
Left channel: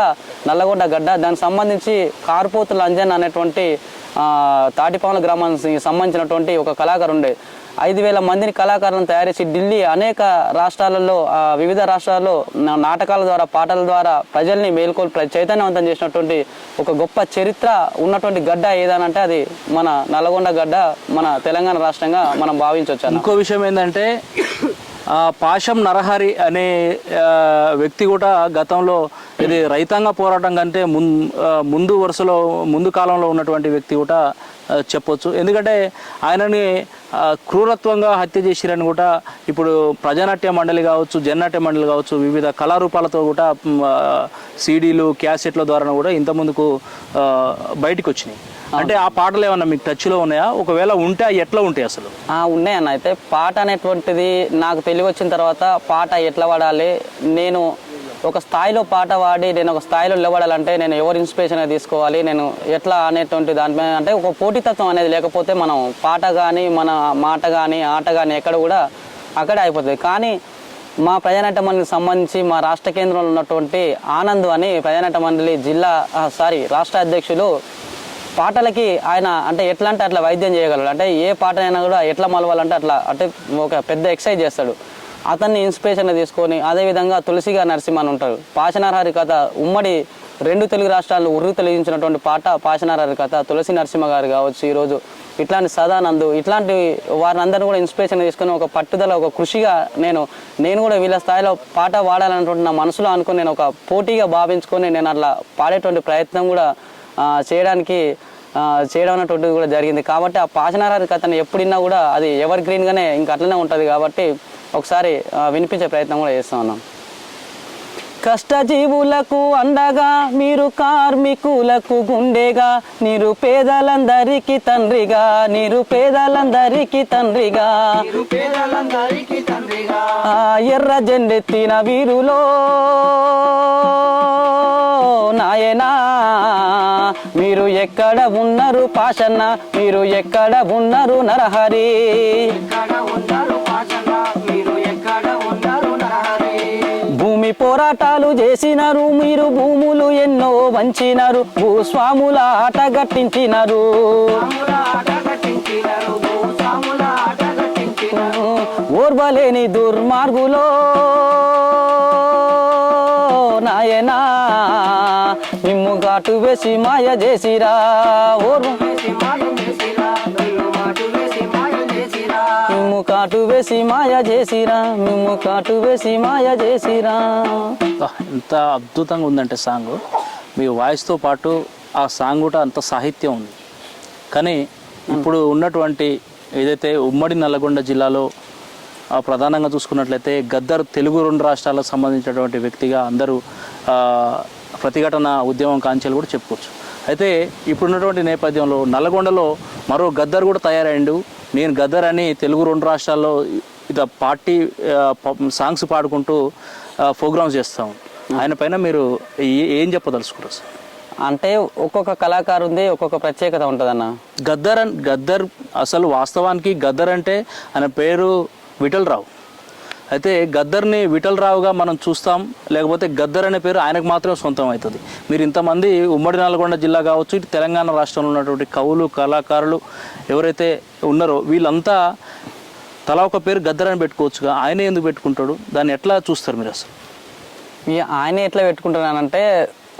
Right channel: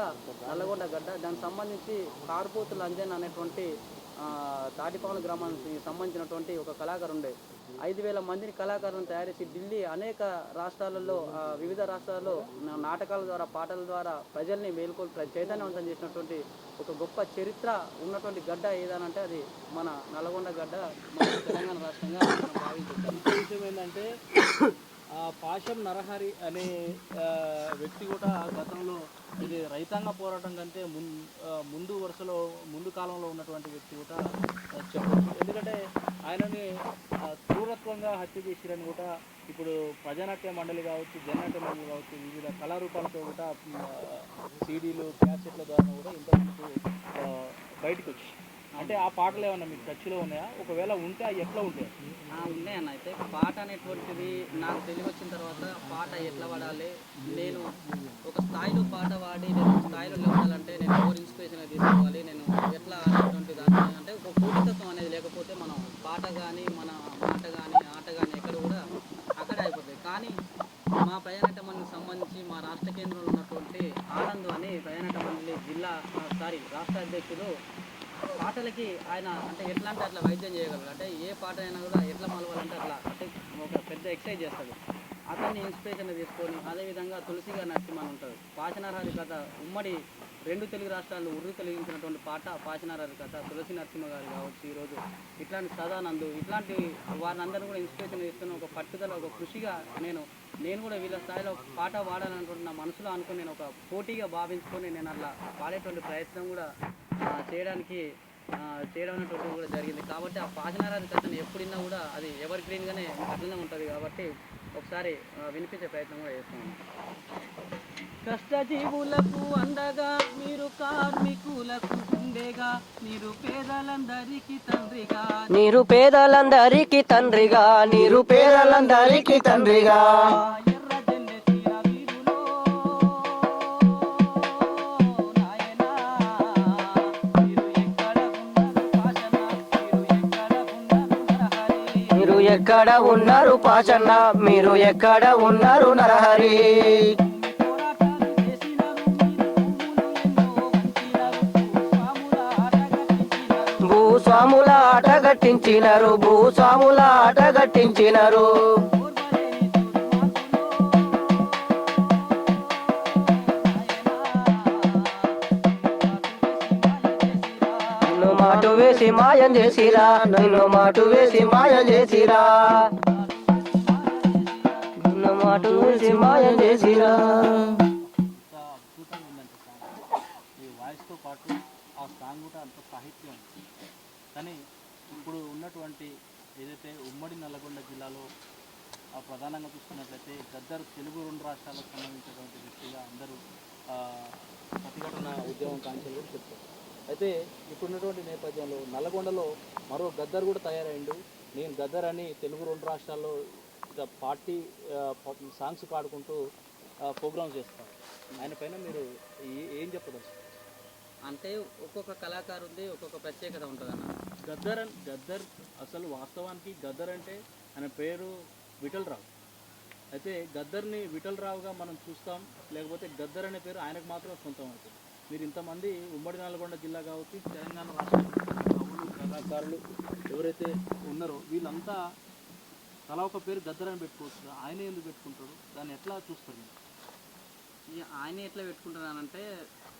నల్లగొండ గడ్డ. దానికి సంబంధించి కార్పోతుల అంజన్ అనేటువంటి తాటిపాముల గ్రామానికి సంబంధించినటువంటి ఒక కళాకారు ఉండే 5,000 మందిని కళాకారులను తయారు చేసి ఢిల్లీ అనేక రాష్ట్రాలలో, వివిధ రాష్ట్రాల్లో నాటకాల ద్వారా, పాటల ద్వారా ప్రజల్ని మేల్కొల్పి చైతన్యవంతం చేసినటువంటి ఒక గొప్ప చరిత్ర ఉన్నటువంటి గడ్డ ఏదనంటే అది మన నల్గొండ గడ్డ, మన తెలంగాణ రాష్ట్రంగా మనం భావించవచ్చు. ఇంకో విషయం ఏంటంటే పాశం నరహరి అనే వ్యక్తి కూడా గతంలో ఇది రైతాంగ పోరాటం కంటే ముందు వరుసలో, ముందు కాలంలో ఉన్నటువంటి వ్యక్తి కూడా చెప్పొచ్చు. ఎందుకంటే ఆయనని క్రూరత్వంగా హత్య చేసిరని కూడా ఇప్పుడు ప్రజానాట్య మండలి కావచ్చు, జననాట్య మండలి కావచ్చు, వివిధ కళారూపాలతో కూడా సీడీలు, క్యాసెట్ల ద్వారా కూడా ఇంత ముందుకు బయటకు వచ్చినాయి. అంటే ఆ పాటలు ఏమన్నా మీకు టచ్లో ఉన్నాయా? ఒకవేళ ఉంటే ఎట్లా ఉంటాయి అసలు? ఉన్నాయన్న. అయితే పాట అనేటువంటిది నాకు తెలివి వచ్చిన తర్వాత పాట ఎట్లా పాడాలి, నేను ఒక స్థాయిలో పాట పాడి నేను ఒక స్థాయిలో నిలబడాలంటే నేను ఎవరు ఇన్స్పిరేషన్గా తీసుకోవాలి, నేను ఎట్లా అనేటువంటి దానిపైన అంటే ఒక పోటీతత్వం అనేది లేకపోతే మనం పాట కానీ, మన మాట కానీ, ఆట కానీ ఎక్కడ కూడా అక్కడే అయిపోతుంది. కానీ మా ప్రజానాట్య మండలికి సంబంధించి మా రాష్ట్ర కేంద్రంలో ఉన్నటువంటి ఆనంద్ అని ప్రజానాట్య మండలి రాష్ట్ర అధ్యక్షులు పాటలకి ఆయన అంటే ఎట్లా అంటే అట్లా వైద్యం చేయగలడు. అంటే ఏ పాటనైనా కూడా ఎట్లా మలవాలంటే అట్లా అంటే ఒక పెద్ద ఎక్సర్సైజ్ చేస్తాడు. అతన్ని ఇన్స్పిరేషన్గా తీసుకొని అదేవిధంగా తులసిగా నరసింహన్ ఉంటారు. పాశనారహరి కథ ఉమ్మడి 2 తెలుగు రాష్ట్రాల్లో ఉర్రు తొలగించినటువంటి పాట పాశనారహరి కథ. తులసి నరసింహ గారు కావచ్చు, ఈరోజు ఇట్లాంటి సదానందు, ఇట్లాంటి వారిని అందరినీ కూడా ఇన్స్పిరేషన్ తీసుకొని ఒక పట్టుదల, ఒక కృషిగా నేను కూడా వీళ్ళ స్థాయిలో పాట పాడాలన్నటువంటి నా మనసులో అనుకుని నేను ఒక పోటీగా భావించుకొని నేను అట్లా పాడేటువంటి ప్రయత్నం కూడా చేయడం అనేటువంటిది కూడా జరిగింది. కాబట్టి ఆ పాశనారహరి కథను ఎప్పుడిన్నా కూడా అది ఎవర్ గ్రీన్గానే ఇంకా అట్లనే ఉంటుంది. కాబట్టి ఒకసారి వినిపించే ప్రయత్నం కూడా చేస్తూ ఉన్నాం. కష్టజీవులకు అండగా మీరు కార్మికులకు గుండెగా, నిరుపేదలందరికీ తండ్రిగా, నిరుపేదలందరికీ తండ్రిగా, నిరుపేదలందరికీ తండ్రిగా, ఎర్ర జెండెత్తిన వీరులో నాయనా పాషన్న మీరు ఎక్కడ ఉన్నారు నరహరి ఎక్కడ ఉన్నారు పాషన్న మీరు ఎక్కడ ఉన్నారు నరహరి భూమి పోరాటాలు చేసినారు మీరు భూములు ఎన్నో వంచినారు భూస్వాముల ఆట గట్టించినారు భూస్వాముల ఆట గట్టించినారు భూస్వాముల ఆట గట్టించినారు ఓర్వలేని దుర్మార్గులో నాయనా నిమ్ము ఘాటు వేసి మాయ చేసిరా ఓటు వేసి మాయం చేసిరా నన్ను మాటు వేసి మాయ చేసిరా మిమ్ము కాటు వేసి మాయ చేసిరా మిమ్ము కాటు వేసి మాయ చేసిరా ఎంత అద్భుతంగా ఉందంటే సాంగ్ మీ వాయిస్తో పాటు ఆ సాంగ్ కూడా అంత సాహిత్యం ఉంది. కానీ ఇప్పుడు ఉన్నటువంటి ఏదైతే ఉమ్మడి నల్లగొండ జిల్లాలో ప్రధానంగా చూసుకున్నట్లయితే గద్దర్ తెలుగు 2 రాష్ట్రాలకు సంబంధించినటువంటి వ్యక్తిగా అందరూ ప్రతిఘటన ఉద్యమం కాంచెలు కూడా చెప్పుకోవచ్చు. అయితే ఇప్పుడున్నటువంటి నేపథ్యంలో నల్లగొండలో మరో గద్దర్ కూడా తయారైండు. నేను గద్దర్ అని తెలుగు 2 రాష్ట్రాల్లో ఇట్లా పార్టీ సాంగ్స్ పాడుకుంటూ ప్రోగ్రామ్స్ చేస్తాం. ఆయన పైన మీరు ఏం చెప్పదలుచుకుంటారు సార్? అంటే ఒక్కొక్క కళాకారుంది ఒక్కొక్క ప్రత్యేకత ఉంటుందన్న. గద్దర్ అసలు వాస్తవానికి గద్దర్ అంటే ఆయన పేరు విఠలరావు. అయితే గద్దర్ని విఠలరావుగా మనం చూస్తాం, లేకపోతే గద్దర్ అనే పేరు ఆయనకు మాత్రమే సొంతం అవుతుంది. మీరు ఇంతమంది ఉమ్మడి నల్గొండ జిల్లా కావచ్చు, ఇటు తెలంగాణ రాష్ట్రంలో ఉన్నటువంటి కవులు కళాకారులు ఎవరైతే ఉన్నారో వీళ్ళంతా తలా ఒక పేరు గద్దర్ అని పెట్టుకోవచ్చుగా, ఆయనే ఎందుకు పెట్టుకుంటాడు? దాన్ని ఎట్లా చూస్తారు మీరు అసలు? ఆయన ఎట్లా పెట్టుకుంటున్నానంటే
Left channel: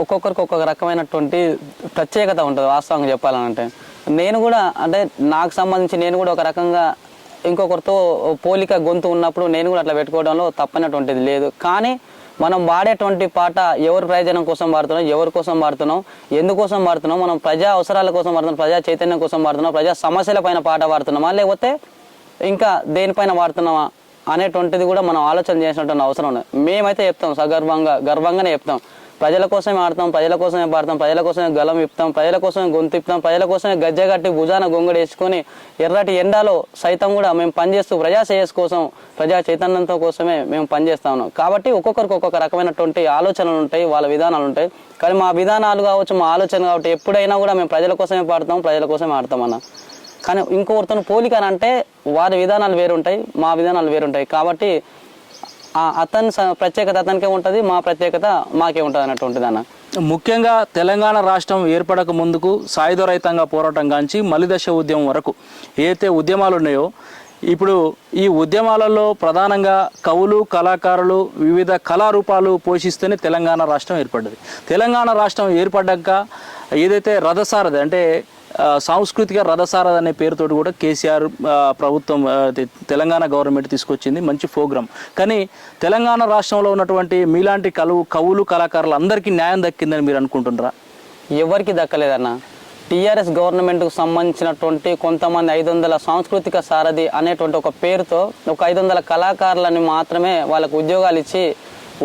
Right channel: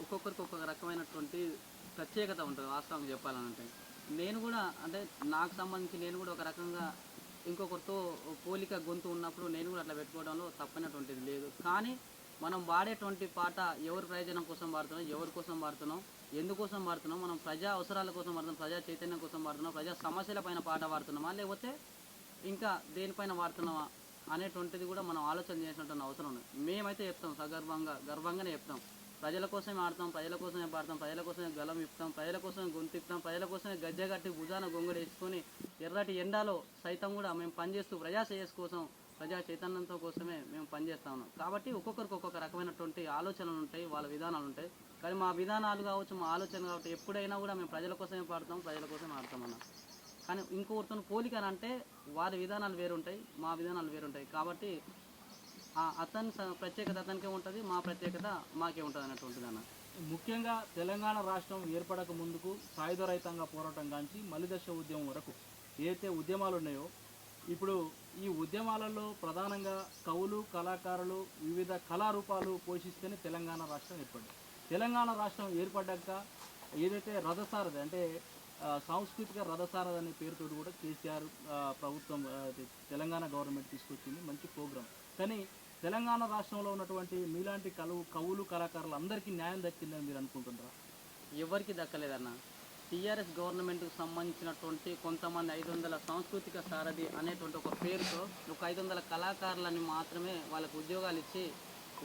ఒక్కొక్కరికి ఒక్కొక్క రకమైనటువంటి ప్రత్యేకత ఉంటుంది. వాస్తవంగా చెప్పాలనంటే నేను కూడా అంటే నాకు సంబంధించి నేను కూడా ఒక రకంగా ఇంకొకరితో పోలిక గొంతు ఉన్నప్పుడు నేను కూడా అట్లా పెట్టుకోవడంలో తప్పనటువంటిది లేదు. కానీ మనం వాడేటువంటి పాట ఎవరి ప్రయోజనం కోసం వాడుతున్నాం, ఎవరి కోసం వాడుతున్నాం, ఎందుకోసం వాడుతున్నాం, మనం ప్రజా అవసరాల కోసం వాడుతున్నాం, ప్రజా చైతన్యం కోసం వాడుతున్నాం, ప్రజా సమస్యల పైన పాట వాడుతున్నామా లేకపోతే ఇంకా దేనిపైన వాడుతున్నామా అనేటువంటిది కూడా మనం ఆలోచన చేసినటువంటి అవసరం ఉంది. మేమైతే చెప్తాం గర్వంగానే చెప్తాం, ప్రజల కోసమే ఆడతాం, ప్రజల కోసమే పాడతాం, ప్రజల కోసమే గలం ఇప్తాం, ప్రజల కోసమే గొంతు ఇప్తాం, ప్రజల కోసమే గజ్జగట్టి భుజాన గొంగడి వేసుకొని ఎర్రటి ఎండాలో సైతం కూడా మేము పనిచేస్తూ ప్రజా శ్రేయస్ కోసం ప్రజా చైతన్యంతో కోసమే మేము పనిచేస్తా ఉన్నాం. కాబట్టి ఒక్కొక్కరికి ఒక్కొక్క రకమైనటువంటి ఆలోచనలు ఉంటాయి, వాళ్ళ విధానాలు ఉంటాయి. కానీ మా విధానాలు కావచ్చు, మా ఆలోచన కాబట్టి ఎప్పుడైనా కూడా మేము ప్రజల కోసమే పాడతాం, ప్రజల కోసమే ఆడతాం అన్న. కానీ ఇంకొకరితో పోలిక అంటే వారి విధానాలు వేరుంటాయి, మా విధానాలు వేరుంటాయి. కాబట్టి అతని ప్రత్యేకత అతనికే ఉంటుంది, మా ప్రత్యేకత మాకే ఉంటుంది అన్నటువంటిది అన్న. ముఖ్యంగా తెలంగాణ రాష్ట్రం ఏర్పడక ముందుకు సాయుధ రైతాంగ పోరాటం కాంచి మలిదశ ఉద్యమం వరకు ఏదైతే ఉద్యమాలు ఉన్నాయో, ఇప్పుడు ఈ ఉద్యమాలలో ప్రధానంగా కవులు కళాకారులు వివిధ కళారూపాలు పోషిస్తేనే తెలంగాణ రాష్ట్రం ఏర్పడ్డది. తెలంగాణ రాష్ట్రం ఏర్పడ్డాక ఏదైతే రథసారథి అంటే సాంస్కృతిక రథసారథి అనే పేరుతోటి కూడా కేసీఆర్ ప్రభుత్వం తెలంగాణ గవర్నమెంట్ తీసుకొచ్చింది, మంచి ప్రోగ్రామ్. కానీ తెలంగాణ రాష్ట్రంలో ఉన్నటువంటి మీలాంటి కవులు కళాకారులు అందరికీ న్యాయం దక్కిందని మీరు అనుకుంటున్నారా? ఎవరికి దక్కలేదన్న. టీఆర్ఎస్ గవర్నమెంట్కు సంబంధించినటువంటి కొంతమంది 500 సాంస్కృతిక సారథి అనేటువంటి ఒక పేరుతో ఒక 500 కళాకారులని మాత్రమే వాళ్ళకు ఉద్యోగాలు ఇచ్చి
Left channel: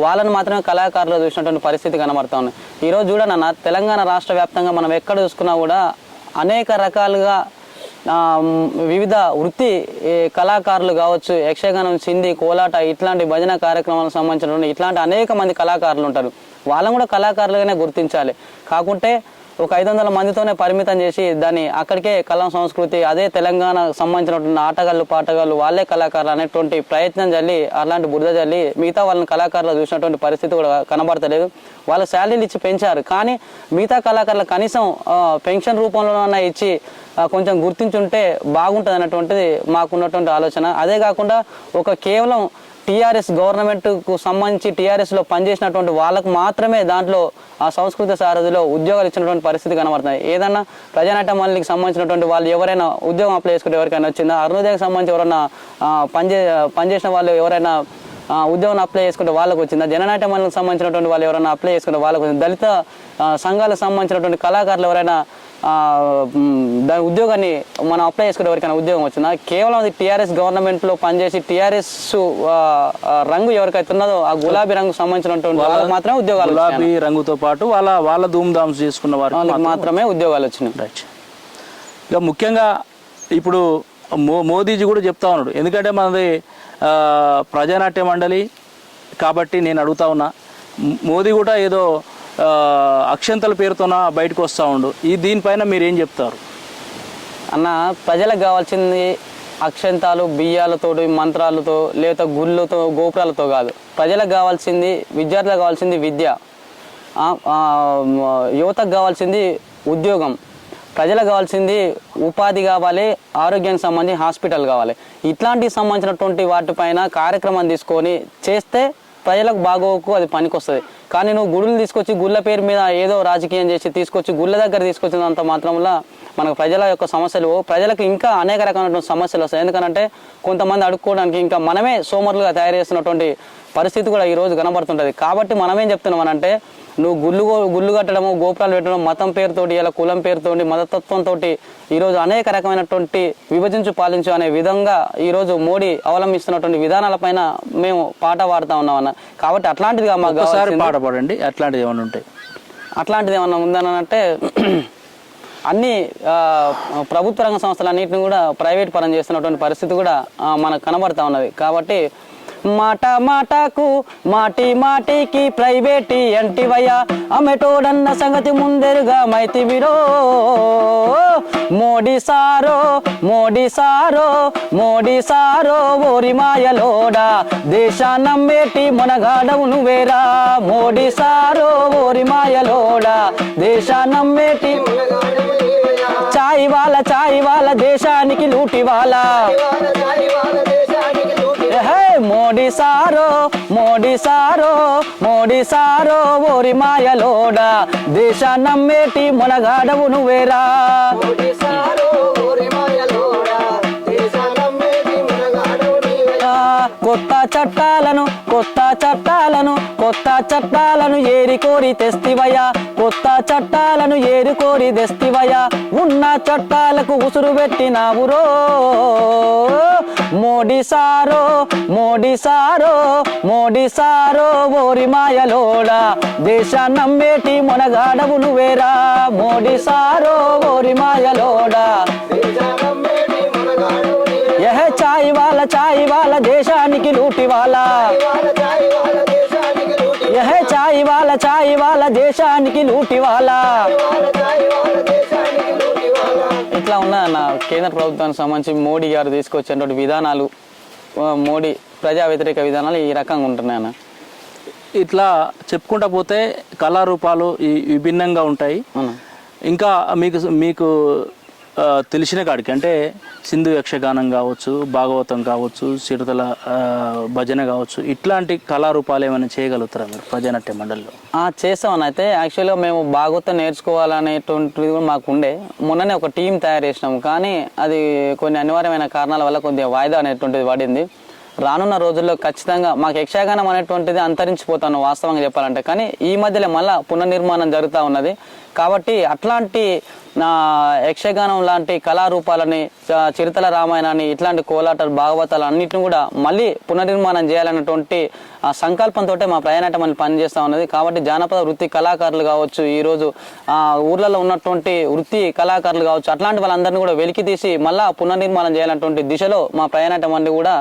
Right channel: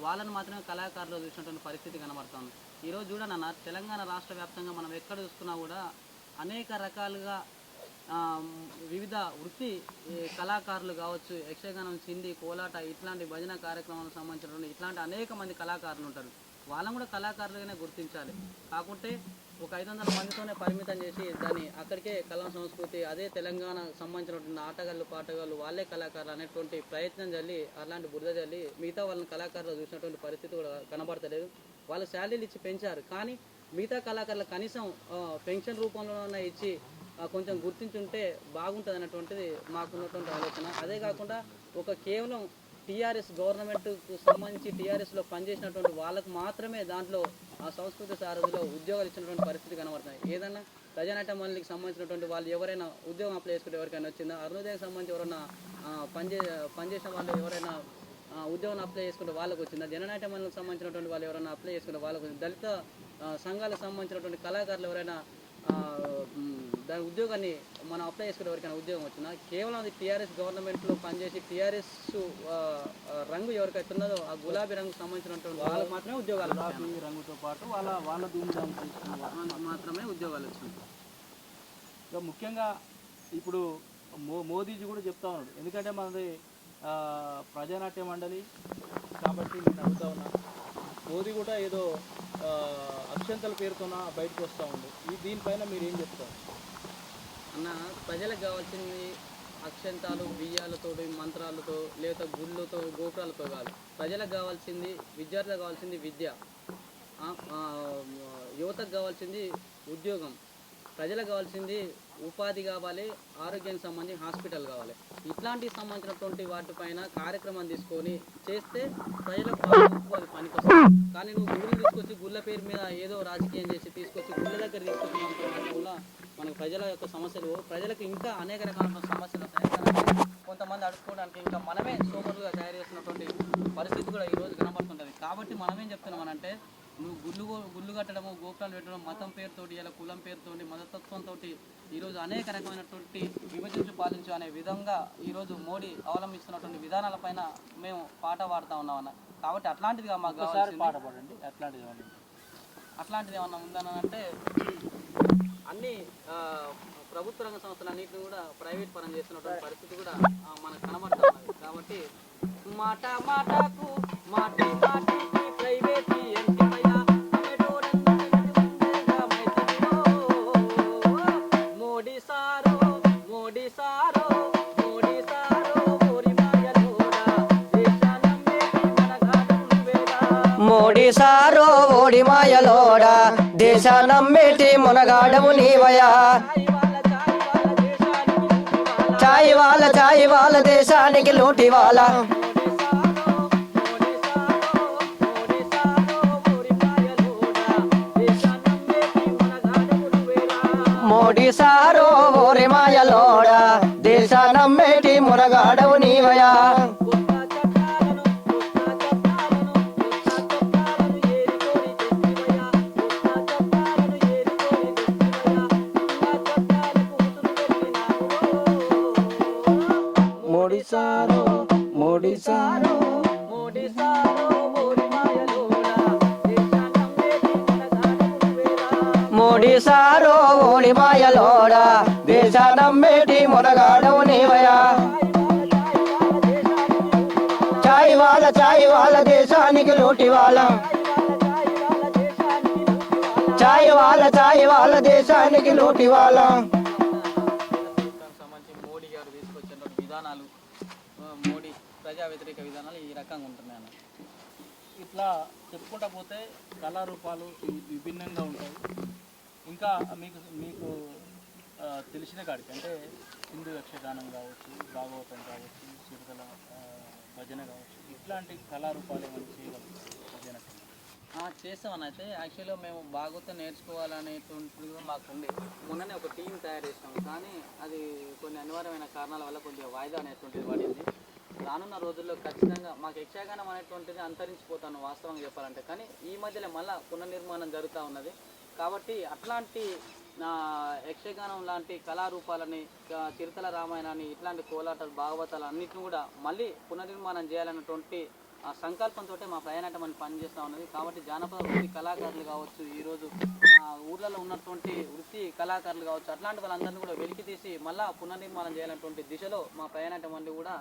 వాళ్ళని మాత్రమే కళాకారులు చూసినటువంటి పరిస్థితి కనబడతా ఉంది. ఈరోజు చూడన్న తెలంగాణ రాష్ట్ర వ్యాప్తంగా మనం ఎక్కడ చూసుకున్నా కూడా అనేక రకాలుగా వివిధ వృత్తి కళాకారులు కావచ్చు, యక్షగానం, సింధీ, కోలాట ఇట్లాంటి భజన కార్యక్రమాలకు సంబంధించినటువంటి ఇట్లాంటి అనేక మంది కళాకారులు ఉంటారు. వాళ్ళని కూడా కళాకారులుగానే గుర్తించాలి. కాకుంటే ఒక 500 మందితోనే పరిమితం చేసి దాన్ని అక్కడికే కళా సంస్కృతి అదే తెలంగాణకు సంబంధించినటువంటి ఆటగాళ్ళు పాటగాళ్ళు వాళ్ళే కళాకారులు అనేటువంటి ప్రయత్నం జల్లి అలాంటి బురద జల్లి మిగతా వాళ్ళని కళాకారులు చూసినటువంటి పరిస్థితి కూడా కనబడతలేదు. వాళ్ళ శాలరీలు ఇచ్చి పెంచారు, కానీ మిగతా కళాకారులు కనీసం పెన్షన్ రూపంలోనైనా ఇచ్చి కొంచెం గుర్తించుంటే బాగుంటుంది అన్నటువంటిది మాకున్నటువంటి ఆలోచన. అదే కాకుండా ఒక కేవలం టీఆర్ఎస్ గవర్నమెంట్కు సంబంధించి టీఆర్ఎస్లో పనిచేసినటువంటి వాళ్ళకు మాత్రమే దాంట్లో ఆ సంస్కృత సారథిలో ఉద్యోగాలు ఇచ్చినటువంటి పరిస్థితి కనబడుతుంది. ఏదన్నా ప్రజానాట్య మండలికి సంబంధించినటువంటి వాళ్ళు ఎవరైనా ఉద్యోగం అప్లై చేసుకుంటే ఎవరికైనా వచ్చిందా? అరుణోదయకి సంబంధించి ఎవరైనా పనిచేసిన వాళ్ళు ఎవరైనా ఉద్యోగం అప్లై చేసుకుంటే వాళ్ళకు వచ్చిందా? జననాట్య మండలికి సంబంధించినటువంటి వాళ్ళు ఎవరైనా అప్లై చేసుకుంటే వాళ్ళకు వచ్చింది. దళిత సంఘాలకు సంబంధించినటువంటి కళాకారులు ఎవరైనా దాని ఉద్యోగాన్ని మనం అప్లై చేసుకుంటే ఎవరికైనా ఉద్యోగం వచ్చిందా? కేవలం అది టీఆర్ఎస్ గవర్నమెంట్లో పనిచేసి టీఆర్ఎస్ రంగు ఎవరికైతే ఉన్నదో ఆ గులాబీ రంగు సంబంధించినటువంటి వాళ్ళకి మాత్రమే ఉద్యోగాలు, గులాబీ రంగుతో పాటు వాళ్ళ ధూమ్ధామ్స్ చేసుకున్న వాళ్ళకి మాత్రమే ఉద్యోగాలు వచ్చినాయి. రైట్. ఇక ముఖ్యంగా ఇప్పుడు మోదీజీ కూడా చెప్తా ఉన్నాడు, ఎందుకంటే మనది ప్రజానాట్య మండలి కాబట్టి నేను అడుగుతా ఉన్నా, మోదీ కూడా ఏదో అక్షంతల పేరుతోన బయటకు వస్తూ ఉండు, దీనిపైన మీరు ఏం చెప్తారు? అన్న ప్రజలకు కావాల్సింది అక్షంతాలు బియ్యాలతోటి మంత్రాలతో లేదా గుళ్ళతో గోపురాలతో కాదు. ప్రజలకు కావాల్సింది, విద్యార్థులకు కావాల్సింది విద్య, యువతకు కావాల్సింది ఉద్యోగం, ప్రజలకు కావాల్సింది ఉపాధి కావాలి, ఆరోగ్యానికి సంబంధించి హాస్పిటల్ కావాలి. ఇట్లాంటికి సంబంధించినటువంటి వాటిపైన కార్యక్రమం తీసుకొని చేస్తే ప్రజలకు బాగోకు అది పనికొస్తుంది. కానీ నువ్వు గుడులు తీసుకొచ్చి గుళ్ళ పేరు మీద ఏదో రాజకీయం చేసి తీసుకొచ్చి గుళ్ళ దగ్గర తీసుకొచ్చినంత మాత్రంలో మనకు ప్రజల యొక్క సమస్యలు, ప్రజలకు ఇంకా అనేక రకమైనటువంటి సమస్యలు వస్తాయి. ఎందుకంటే కొంతమంది అడుక్కోవడానికి ఇంకా మనమే సోమరులుగా తయారు చేస్తున్నటువంటి పరిస్థితి కూడా ఈరోజు కనబడుతుంటుంది. కాబట్టి మనమేం చెప్తున్నాం అంటే, నువ్వు గుళ్ళు కట్టడము, గోపురాలు పెట్టడం మతం పేరుతోటి, ఇలా కులం పేరుతోటి, మతతత్వంతో ఈరోజు అనేక రకమైనటువంటి విభజించు పాలించు అనే విధంగా ఈరోజు మోడీ అవలంబిస్తున్నటువంటి విధానాలపైన మేము పాట పాడుతూ ఉన్నామన్న. కాబట్టి అట్లాంటిదిగా మాకు పాట పాడండి. అట్లాంటిది ఏమైనా ఉంటాయి, అట్లాంటిది ఏమన్నా ఉందని అంటే అన్ని ప్రభుత్వ రంగ సంస్థలన్నింటినీ కూడా ప్రైవేట్ పరం చేస్తున్నటువంటి పరిస్థితి కూడా మనకు కనబడతా ఉన్నది. కాబట్టి మాట మాటకు మాటి మాటికి ప్రైవేటీ అంటివయ్యా అమెటోడన్న సంగతి ముందెరుగా మైతి విరో మోడీ సారో మోడీ సారో మోడీ సారో ఓరి మాయలోడా దేశాన్నమ్మేటి మనగాడవు నువ్వేరా మోడీ సారో ఓరి మాయలోడా దేశాన్నమ్మేటి మనగాడవు నీవయా చాయి వాళ్ళ దేశానికి లూటి వాళ్ళ చాయి వాళ్ళ దేశానికి లూటి వాళ్ళ మోడీ సారో మోడీ సారో మోడీ సారో ఓరి మాయలోడా దేశాన్నమ్మేటి మనగాడవు నువ్వేరా మోడీ సారో ఓరి మాయలోడా దేశాన్నమ్మేటి మనగాడవు నీవయా కొత్త చట్టాలను ఏరి కోరి తెస్తివయ్యా కొత్త చట్టాలను ఏరి కోరి తెస్తివయ్యా ఉన్న చట్టాలకు ఉసురు పెట్టినావురో మోడీ సారో మోడీ సారో మోడీ సారో ఓరి మాయలోడా దేశాన్నమ్మేటి మనగాడవు నువ్వేరా మోడీ సారో ఓరి మాయలోడా దేశాన్నమ్మేటి మనగాడవు నీవయా చాయి వాళ్ళ దేశానికి లూటి వాళ్ళ చాయి వాళ్ళ దేశానికి లూటి చాయి వాళ్ళ దేశానికి లూటి వాళ్ళ చాయి వాళ్ళ దేశానికి లూటి వాళ్ళ ఇట్లా ఉన్నదన్న కేంద్ర ప్రభుత్వానికి సంబంధించి మోడీ గారు తీసుకొచ్చేటువంటి విధానాలు, మోడీ ప్రజా వ్యతిరేక విధానాలు ఈ రకంగా ఉంటున్నాయి అన్న. ఇట్లా చెప్పుకుంటా పోతే కళారూపాలు విభిన్నంగా ఉంటాయి. ఇంకా మీకు తెలిసిన కాడికి అంటే సింధు యక్షగానం కావచ్చు, భాగవతం కావచ్చు, చిరుతల భజన కావచ్చు, ఇట్లాంటి కళారూపాలు ఏమైనా చేయగలుగుతారా మీరు ప్రజానాట్య మండలిలో? చేస్తామని అయితే యాక్చువల్గా మేము భాగవతం నేర్చుకోవాలనేటువంటిది కూడా మాకు ఉండే. మొన్ననే ఒక టీం తయారు చేసినాము, కానీ అది కొన్ని అనివార్యమైన కారణాల వల్ల కొద్దిగా వాయిదా అనేటువంటిది పడింది. రానున్న రోజుల్లో ఖచ్చితంగా మాకు యక్షగానం అనేటువంటిది అంతరించిపోతాను వాస్తవంగా చెప్పాలంటే. కానీ ఈ మధ్యలో మళ్ళీ పునర్నిర్మాణం జరుగుతూ ఉన్నది. కాబట్టి అట్లాంటి యక్షగానం లాంటి కళారూపాలని, చిరుతల రామాయణాన్ని, ఇట్లాంటి కోలాటాలు, భాగవతాలు అన్నింటిని కూడా మళ్ళీ పునర్నిర్మాణం చేయాలన్నటువంటి సంకల్పంతో మా ప్రయాణాటం అని పనిచేస్తూ ఉన్నది. కాబట్టి జానపద వృత్తి కళాకారులు కావచ్చు, ఈరోజు ఊర్లలో ఉన్నటువంటి వృత్తి కళాకారులు కావచ్చు, అట్లాంటి వాళ్ళందరినీ కూడా వెలికి తీసి మళ్ళీ పునర్నిర్మాణం చేయాలన్నటువంటి దిశలో మా ప్రయాణాటం అన్ని కూడా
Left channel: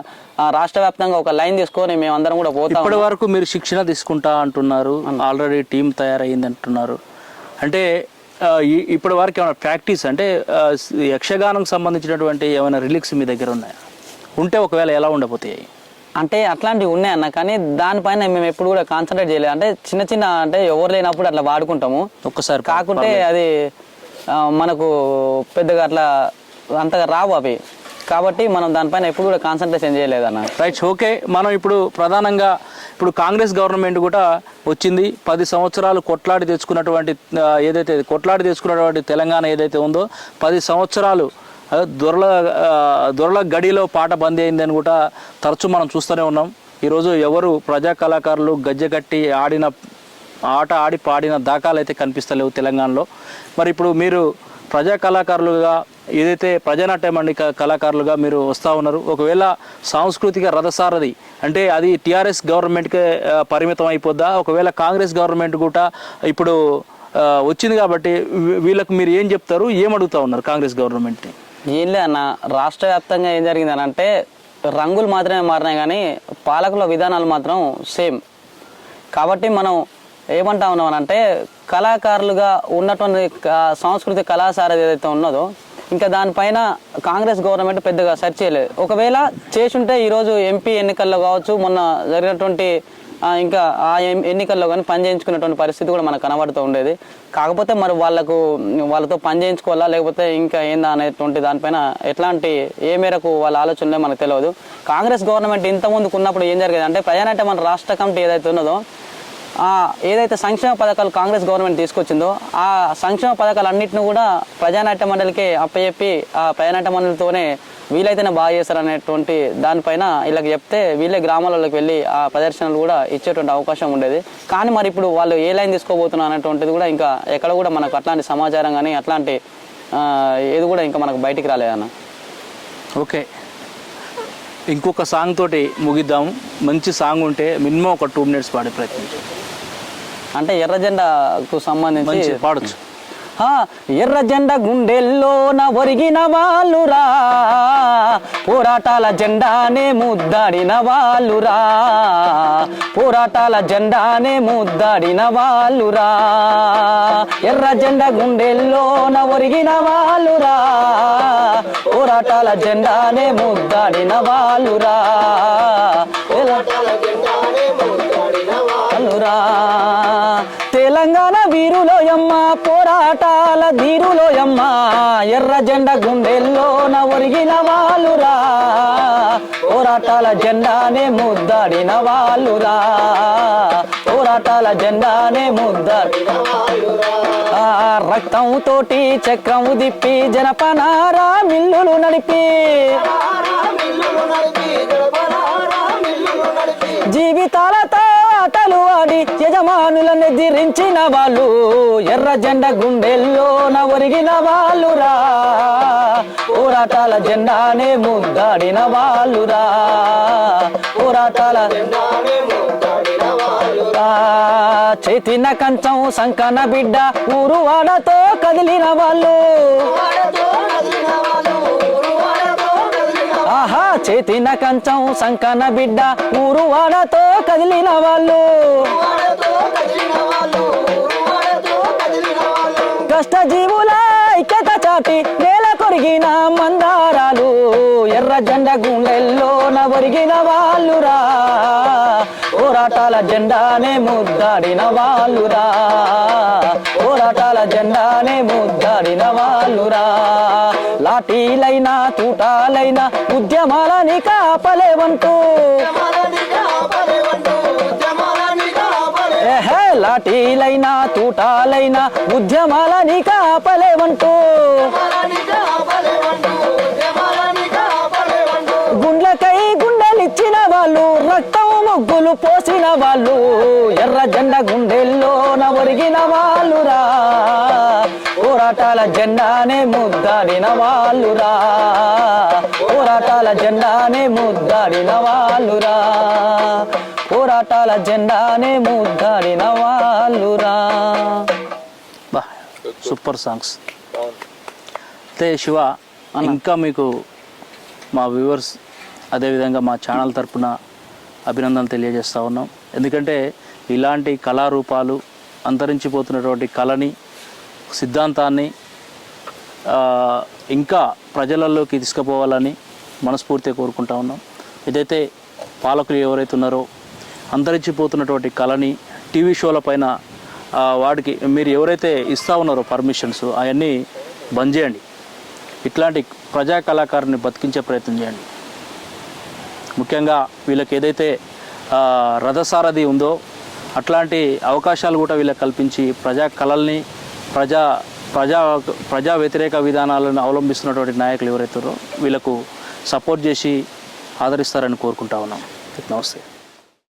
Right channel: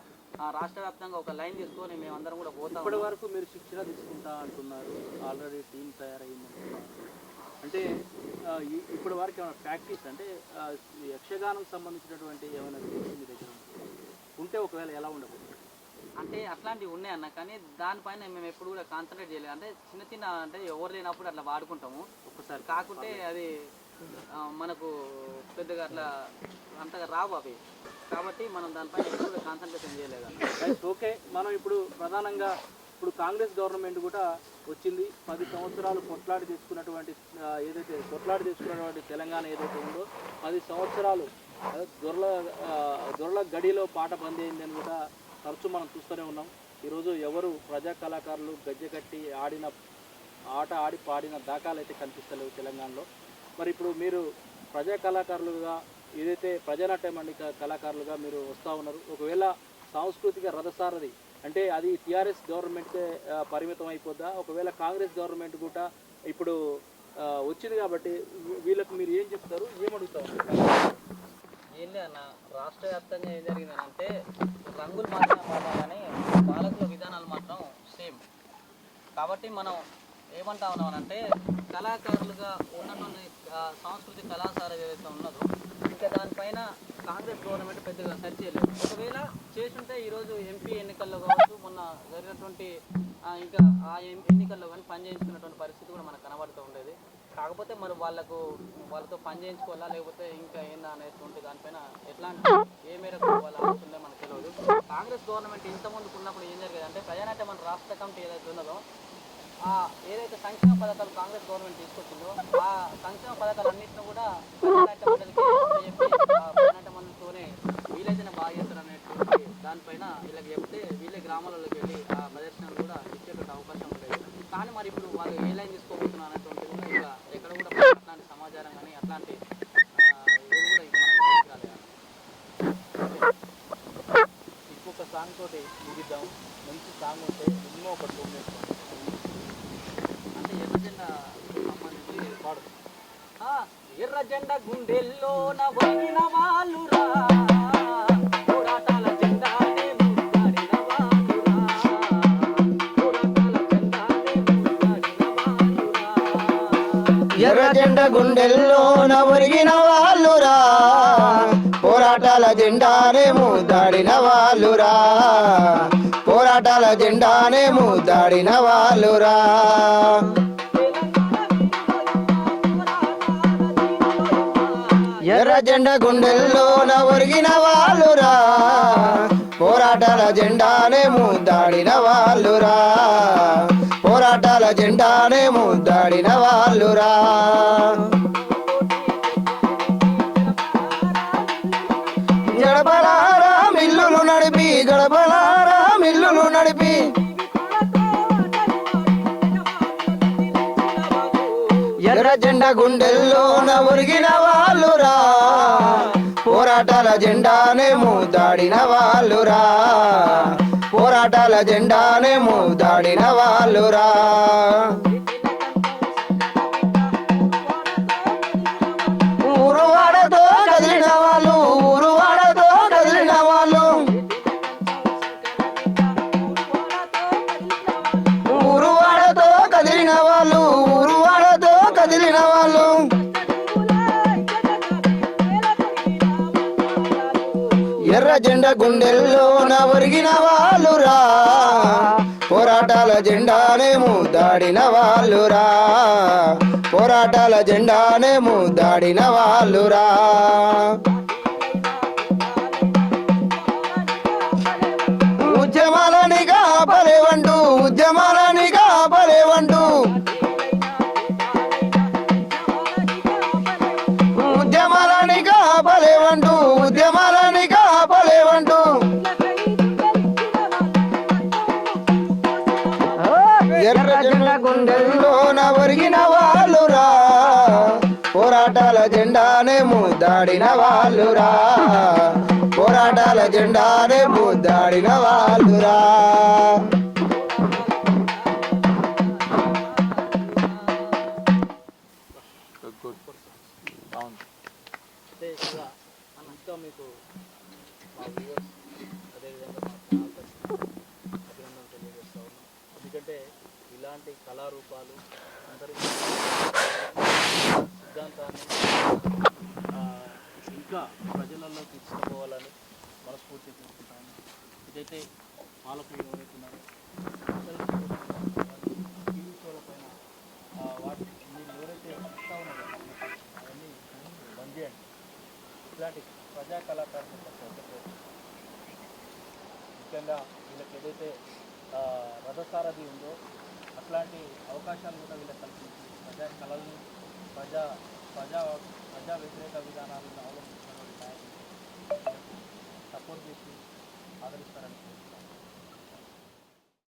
రాష్ట్ర వ్యాప్తంగా ఒక లైన్ తీసుకొని మేమందరం కూడా పోతాం. ఇప్పటి వరకు మీరు శిక్షణ తీసుకుంటా అంటున్నారు, ఆల్రెడీ టీం తయారైంది అంటున్నారు. అంటే ఇప్పటి వరకు ఏమైనా ప్రాక్టీస్ అంటే యక్షగానం సంబంధించినటువంటి ఏమైనా రిలీక్స్ మీ దగ్గర ఉన్నాయా? ఉంటే ఒకవేళ ఎలా ఉండబోతాయి? అంటే అట్లాంటివి ఉన్నాయన్న, కానీ దానిపైన మేము ఎప్పుడు కూడా కాన్సన్ట్రేట్ చేయలేదు. అంటే చిన్న అంటే ఎవరు లేనప్పుడు అట్లా వాడుకుంటాము ఒక్కసారి, కాకుంటే అది మనకు పెద్దగా అట్లా అంతగా రావు అవి. కాబట్టి మనం దానిపైన ఎప్పుడు కూడా కాన్సన్ట్రేషన్ చేయలేదన్న. Right, okay. మనం ఇప్పుడు ప్రధానంగా కాంగ్రెస్ గవర్నమెంట్ కూడా వచ్చింది. 10 సంవత్సరాలు కొట్లాడి తెచ్చుకున్నటువంటి తెలంగాణ ఏదైతే ఉందో 10 సంవత్సరాలు దొరల గడిలో పాట బందీ అయిందని కూడా తరచూ మనం చూస్తూనే ఉన్నాం. ఈరోజు ఎవరు ప్రజా కళాకారులు గజ్జె కట్టి ఆడి పాడిన దాఖలు అయితే కనిపిస్తలేవు తెలంగాణలో. మరి ఇప్పుడు మీరు ప్రజా కళాకారులుగా ఏదైతే ప్రజానాట్య మండలి కళాకారులుగా మీరు వస్తూ ఉన్నారు, ఒకవేళ సాంస్కృతిక రథసారథి అంటే అది టీఆర్ఎస్ గవర్నమెంట్కే పరిమితం అయిపోద్దా? ఒకవేళ కాంగ్రెస్ గవర్నమెంట్ కూడా ఇప్పుడు వచ్చింది కాబట్టి వీళ్ళకు మీరు ఏం చెప్తారు, ఏమడుగుతా ఉన్నారు కాంగ్రెస్ గవర్నమెంట్ని? ఏం లేదన్న, రాష్ట్ర వ్యాప్తంగా ఏం జరిగిందని అంటే రంగులు మాత్రమే మారినాయి కానీ పాలకుల విధానాలు మాత్రం సేమ్. కాబట్టి మనం ఏమంటా ఉన్నామని అంటే కళాకారులుగా ఉన్నటువంటి సాంస్కృతిక కళాసారథి ఏదైతే ఉన్నదో ఇంకా దానిపైన కాంగ్రెస్ గవర్నమెంట్ పెద్దగా సెర్చ్ చేయలేదు. ఒకవేళ చేసుంటే ఈరోజు ఎంపీ ఎన్నికల్లో కావచ్చు, మొన్న జరిగినటువంటి ఇంకా ఆ ఎన్నికల్లో కానీ పని చేయించుకునేటువంటి పరిస్థితి కూడా మనకు కనబడుతూ ఉండేది. కాకపోతే మరి వాళ్ళతో పని చేయించుకోవాలా లేకపోతే ఇంకా ఏందా అనేటువంటి దానిపైన ఎట్లాంటి ఏ మేరకు వాళ్ళ ఆలోచనలే మనకు తెలియదు. కాంగ్రెస్ గవర్నమెంట్ ఇంతకుముందుకు ఉన్నప్పుడు ఏం జరిగేది అంటే ప్రజానాట్య మన రాష్ట్ర కమిటీ ఏదైతే ఉన్నదో ఏదైతే సంక్షేమ పథకాలు కాంగ్రెస్ గవర్నమెంట్ తీసుకొచ్చిందో ఆ సంక్షేమ పథకాలన్నింటినీ కూడా ప్రజానాట్య మండలికి అప్పచెప్పి ఆ ప్రజానాట్య మండలితోనే వీలైతేనే బాగా చేస్తారనేటువంటి దానిపైన వీళ్ళకి చెప్తే వీళ్ళే గ్రామాలలోకి వెళ్ళి ఆ ప్రదర్శనలు కూడా ఇచ్చేటువంటి అవకాశం ఉండేది. కానీ మరి ఇప్పుడు వాళ్ళు ఏ లైన్ తీసుకోబోతున్నారు అనేటువంటిది కూడా ఇంకా ఎక్కడ కూడా మనకు అట్లాంటి సమాచారం కానీ అట్లాంటి ఏది కూడా ఇంకా మనకు బయటికి రాలేదన్న. ఓకే, ఇంకొక సాంగ్ తోటి ముగిద్దాము. మంచి సాంగ్ ఉంటే మినిమం ఒక 2 minutes పాడే ప్రయత్నం అంటే ఎర్ర జెండాకు సంబంధించి పాడొచ్చు. ఎర్ర జెండా గుండెల్లోన ఒరిగిన వాళ్ళురా, పోరాటాల జెండానే ముద్దాడిన వాళ్ళురా, పోరాటాల జెండానే ముద్దాడిన వాళ్ళురా, ఎర్ర జెండా గుండెల్లోన ఒరిగిన వాళ్ళురా, పోరాటాల జెండానే ముద్దాడిన వాళ్ళురా, పోరాటాల జెండానే ముద్దాడిన వాళ్ళురా. తెలంగాణ వీరులోయమ్మ పోరాటాల ధీరులోయమ్మ, ఎర్ర జెండా గుండెల్లోన ఒరిగిన వాళ్ళురా, పోరాటాల జెండానే ముద్దాడిన వాళ్ళురా, పోరాటాల జెండానే ముద్దాడిన వాళ్ళురా. రక్తం తోటి చక్రం దిప్పి జనపనారా మిల్లులు నడిపి, మిల్లులు నడిపి గడపనారా మిల్లులు నడిపి, జీవితాలతో ఆటలు ఆడి యజమానులను ఎదిరించిన వాళ్ళు, ఎర్ర జెండా గుండెల్లోన ఒరిగిన వాళ్ళురా, పోరాటాల జెండానే ముద్దాడిన వాళ్ళురా, పోరాటాల జెండానే ముద్దాడిన వాళ్ళురా. చేతిన కంచం సంకన బిడ్డ ఊరు వాడతో కదిలిన వాళ్ళు, ఊరువాడతో కదిలిన వాళ్ళు, ఊరువాడతో కదిలిన వాళ్ళు, చేతిన కంచం సంకన బిడ్డ ఊరు వాడతో కదిలిన వాళ్ళు, ఊరువాడతో కదిలిన వాళ్ళు, ఊరువాడతో కదిలిన వాళ్ళు. కష్ట జీవుల ఐక్యత చాటి నేల కొరిగిన మందారాలు, ఎర్ర జెండా గుండెల్లోన ఒరిగిన వాళ్ళురా, పోరాటాల జెండానే ముద్దాడిన వాళ్ళురా, పోరాటాల జెండానే ముద్దాడిన వాళ్ళురా. లాఠీలైనా తూటాలైనా ఉద్యమాలని కాపలేవంటూ, ఉద్యమాలని కాపలేవంటూ, ఉద్యమాలని కాపలేవంటూ, లాఠీలైనా తూటాలైనా ఉద్యమాలని కాపలేవంటూ, ఉద్యమాలని కాపలేవంటూ, ఉద్యమాలని కాపలేవంటూ. గుండ్లకై గుండెలిచ్చిన వాళ్ళు, రక్తం ముగ్గులు పోసిన వాళ్ళు, ఎర్ర జెండా గుండెల్లోన ఒరిగిన వాళ్ళురా, పోరాటాల జెండానే ముద్దాడిన వాళ్ళురా, పోరాటాల జెండానే ముద్దాడిన వాళ్ళురా, పోరాటాల జెండానే ముద్దాడిన వాళ్ళురా. Super songs. అయితే శివ, ఇంకా మీకు మా వ్యూవర్స్ అదేవిధంగా మా ఛానల్ తరపున అభినందనలు తెలియజేస్తూ ఉన్నాం. ఎందుకంటే ఇలాంటి కళారూపాలు అంతరించిపోతున్నటువంటి కళని సిద్ధాంతాన్ని ఇంకా ప్రజలలోకి తీసుకుపోవాలని మనస్ఫూర్తిగా కోరుకుంటా ఉన్నాం. ఏదైతే పాలకులు ఎవరైతే ఉన్నారో అంతరించిపోతున్నటువంటి కళని టీవీ షోల పైన వాటికి మీరు ఎవరైతే ఇస్తూ ఉన్నారో పర్మిషన్స్ అవన్నీ బంద్ చేయండి. ఇట్లాంటి ప్రజా కళాకారుని బతికించే ప్రయత్నం చేయండి. ముఖ్యంగా వీళ్ళకి ఏదైతే రథసారథి ఉందో అట్లాంటి అవకాశాలు కూడా వీళ్ళకి కల్పించి ప్రజా కళల్ని ప్రజా వ్యతిరేక విధానాలను అవలంబిస్తున్నటువంటి నాయకులు ఎవరైతారో వీళ్ళకు సపోర్ట్ చేసి ఆదరిస్తారని కోరుకుంటా ఉన్నాం. నమస్తే.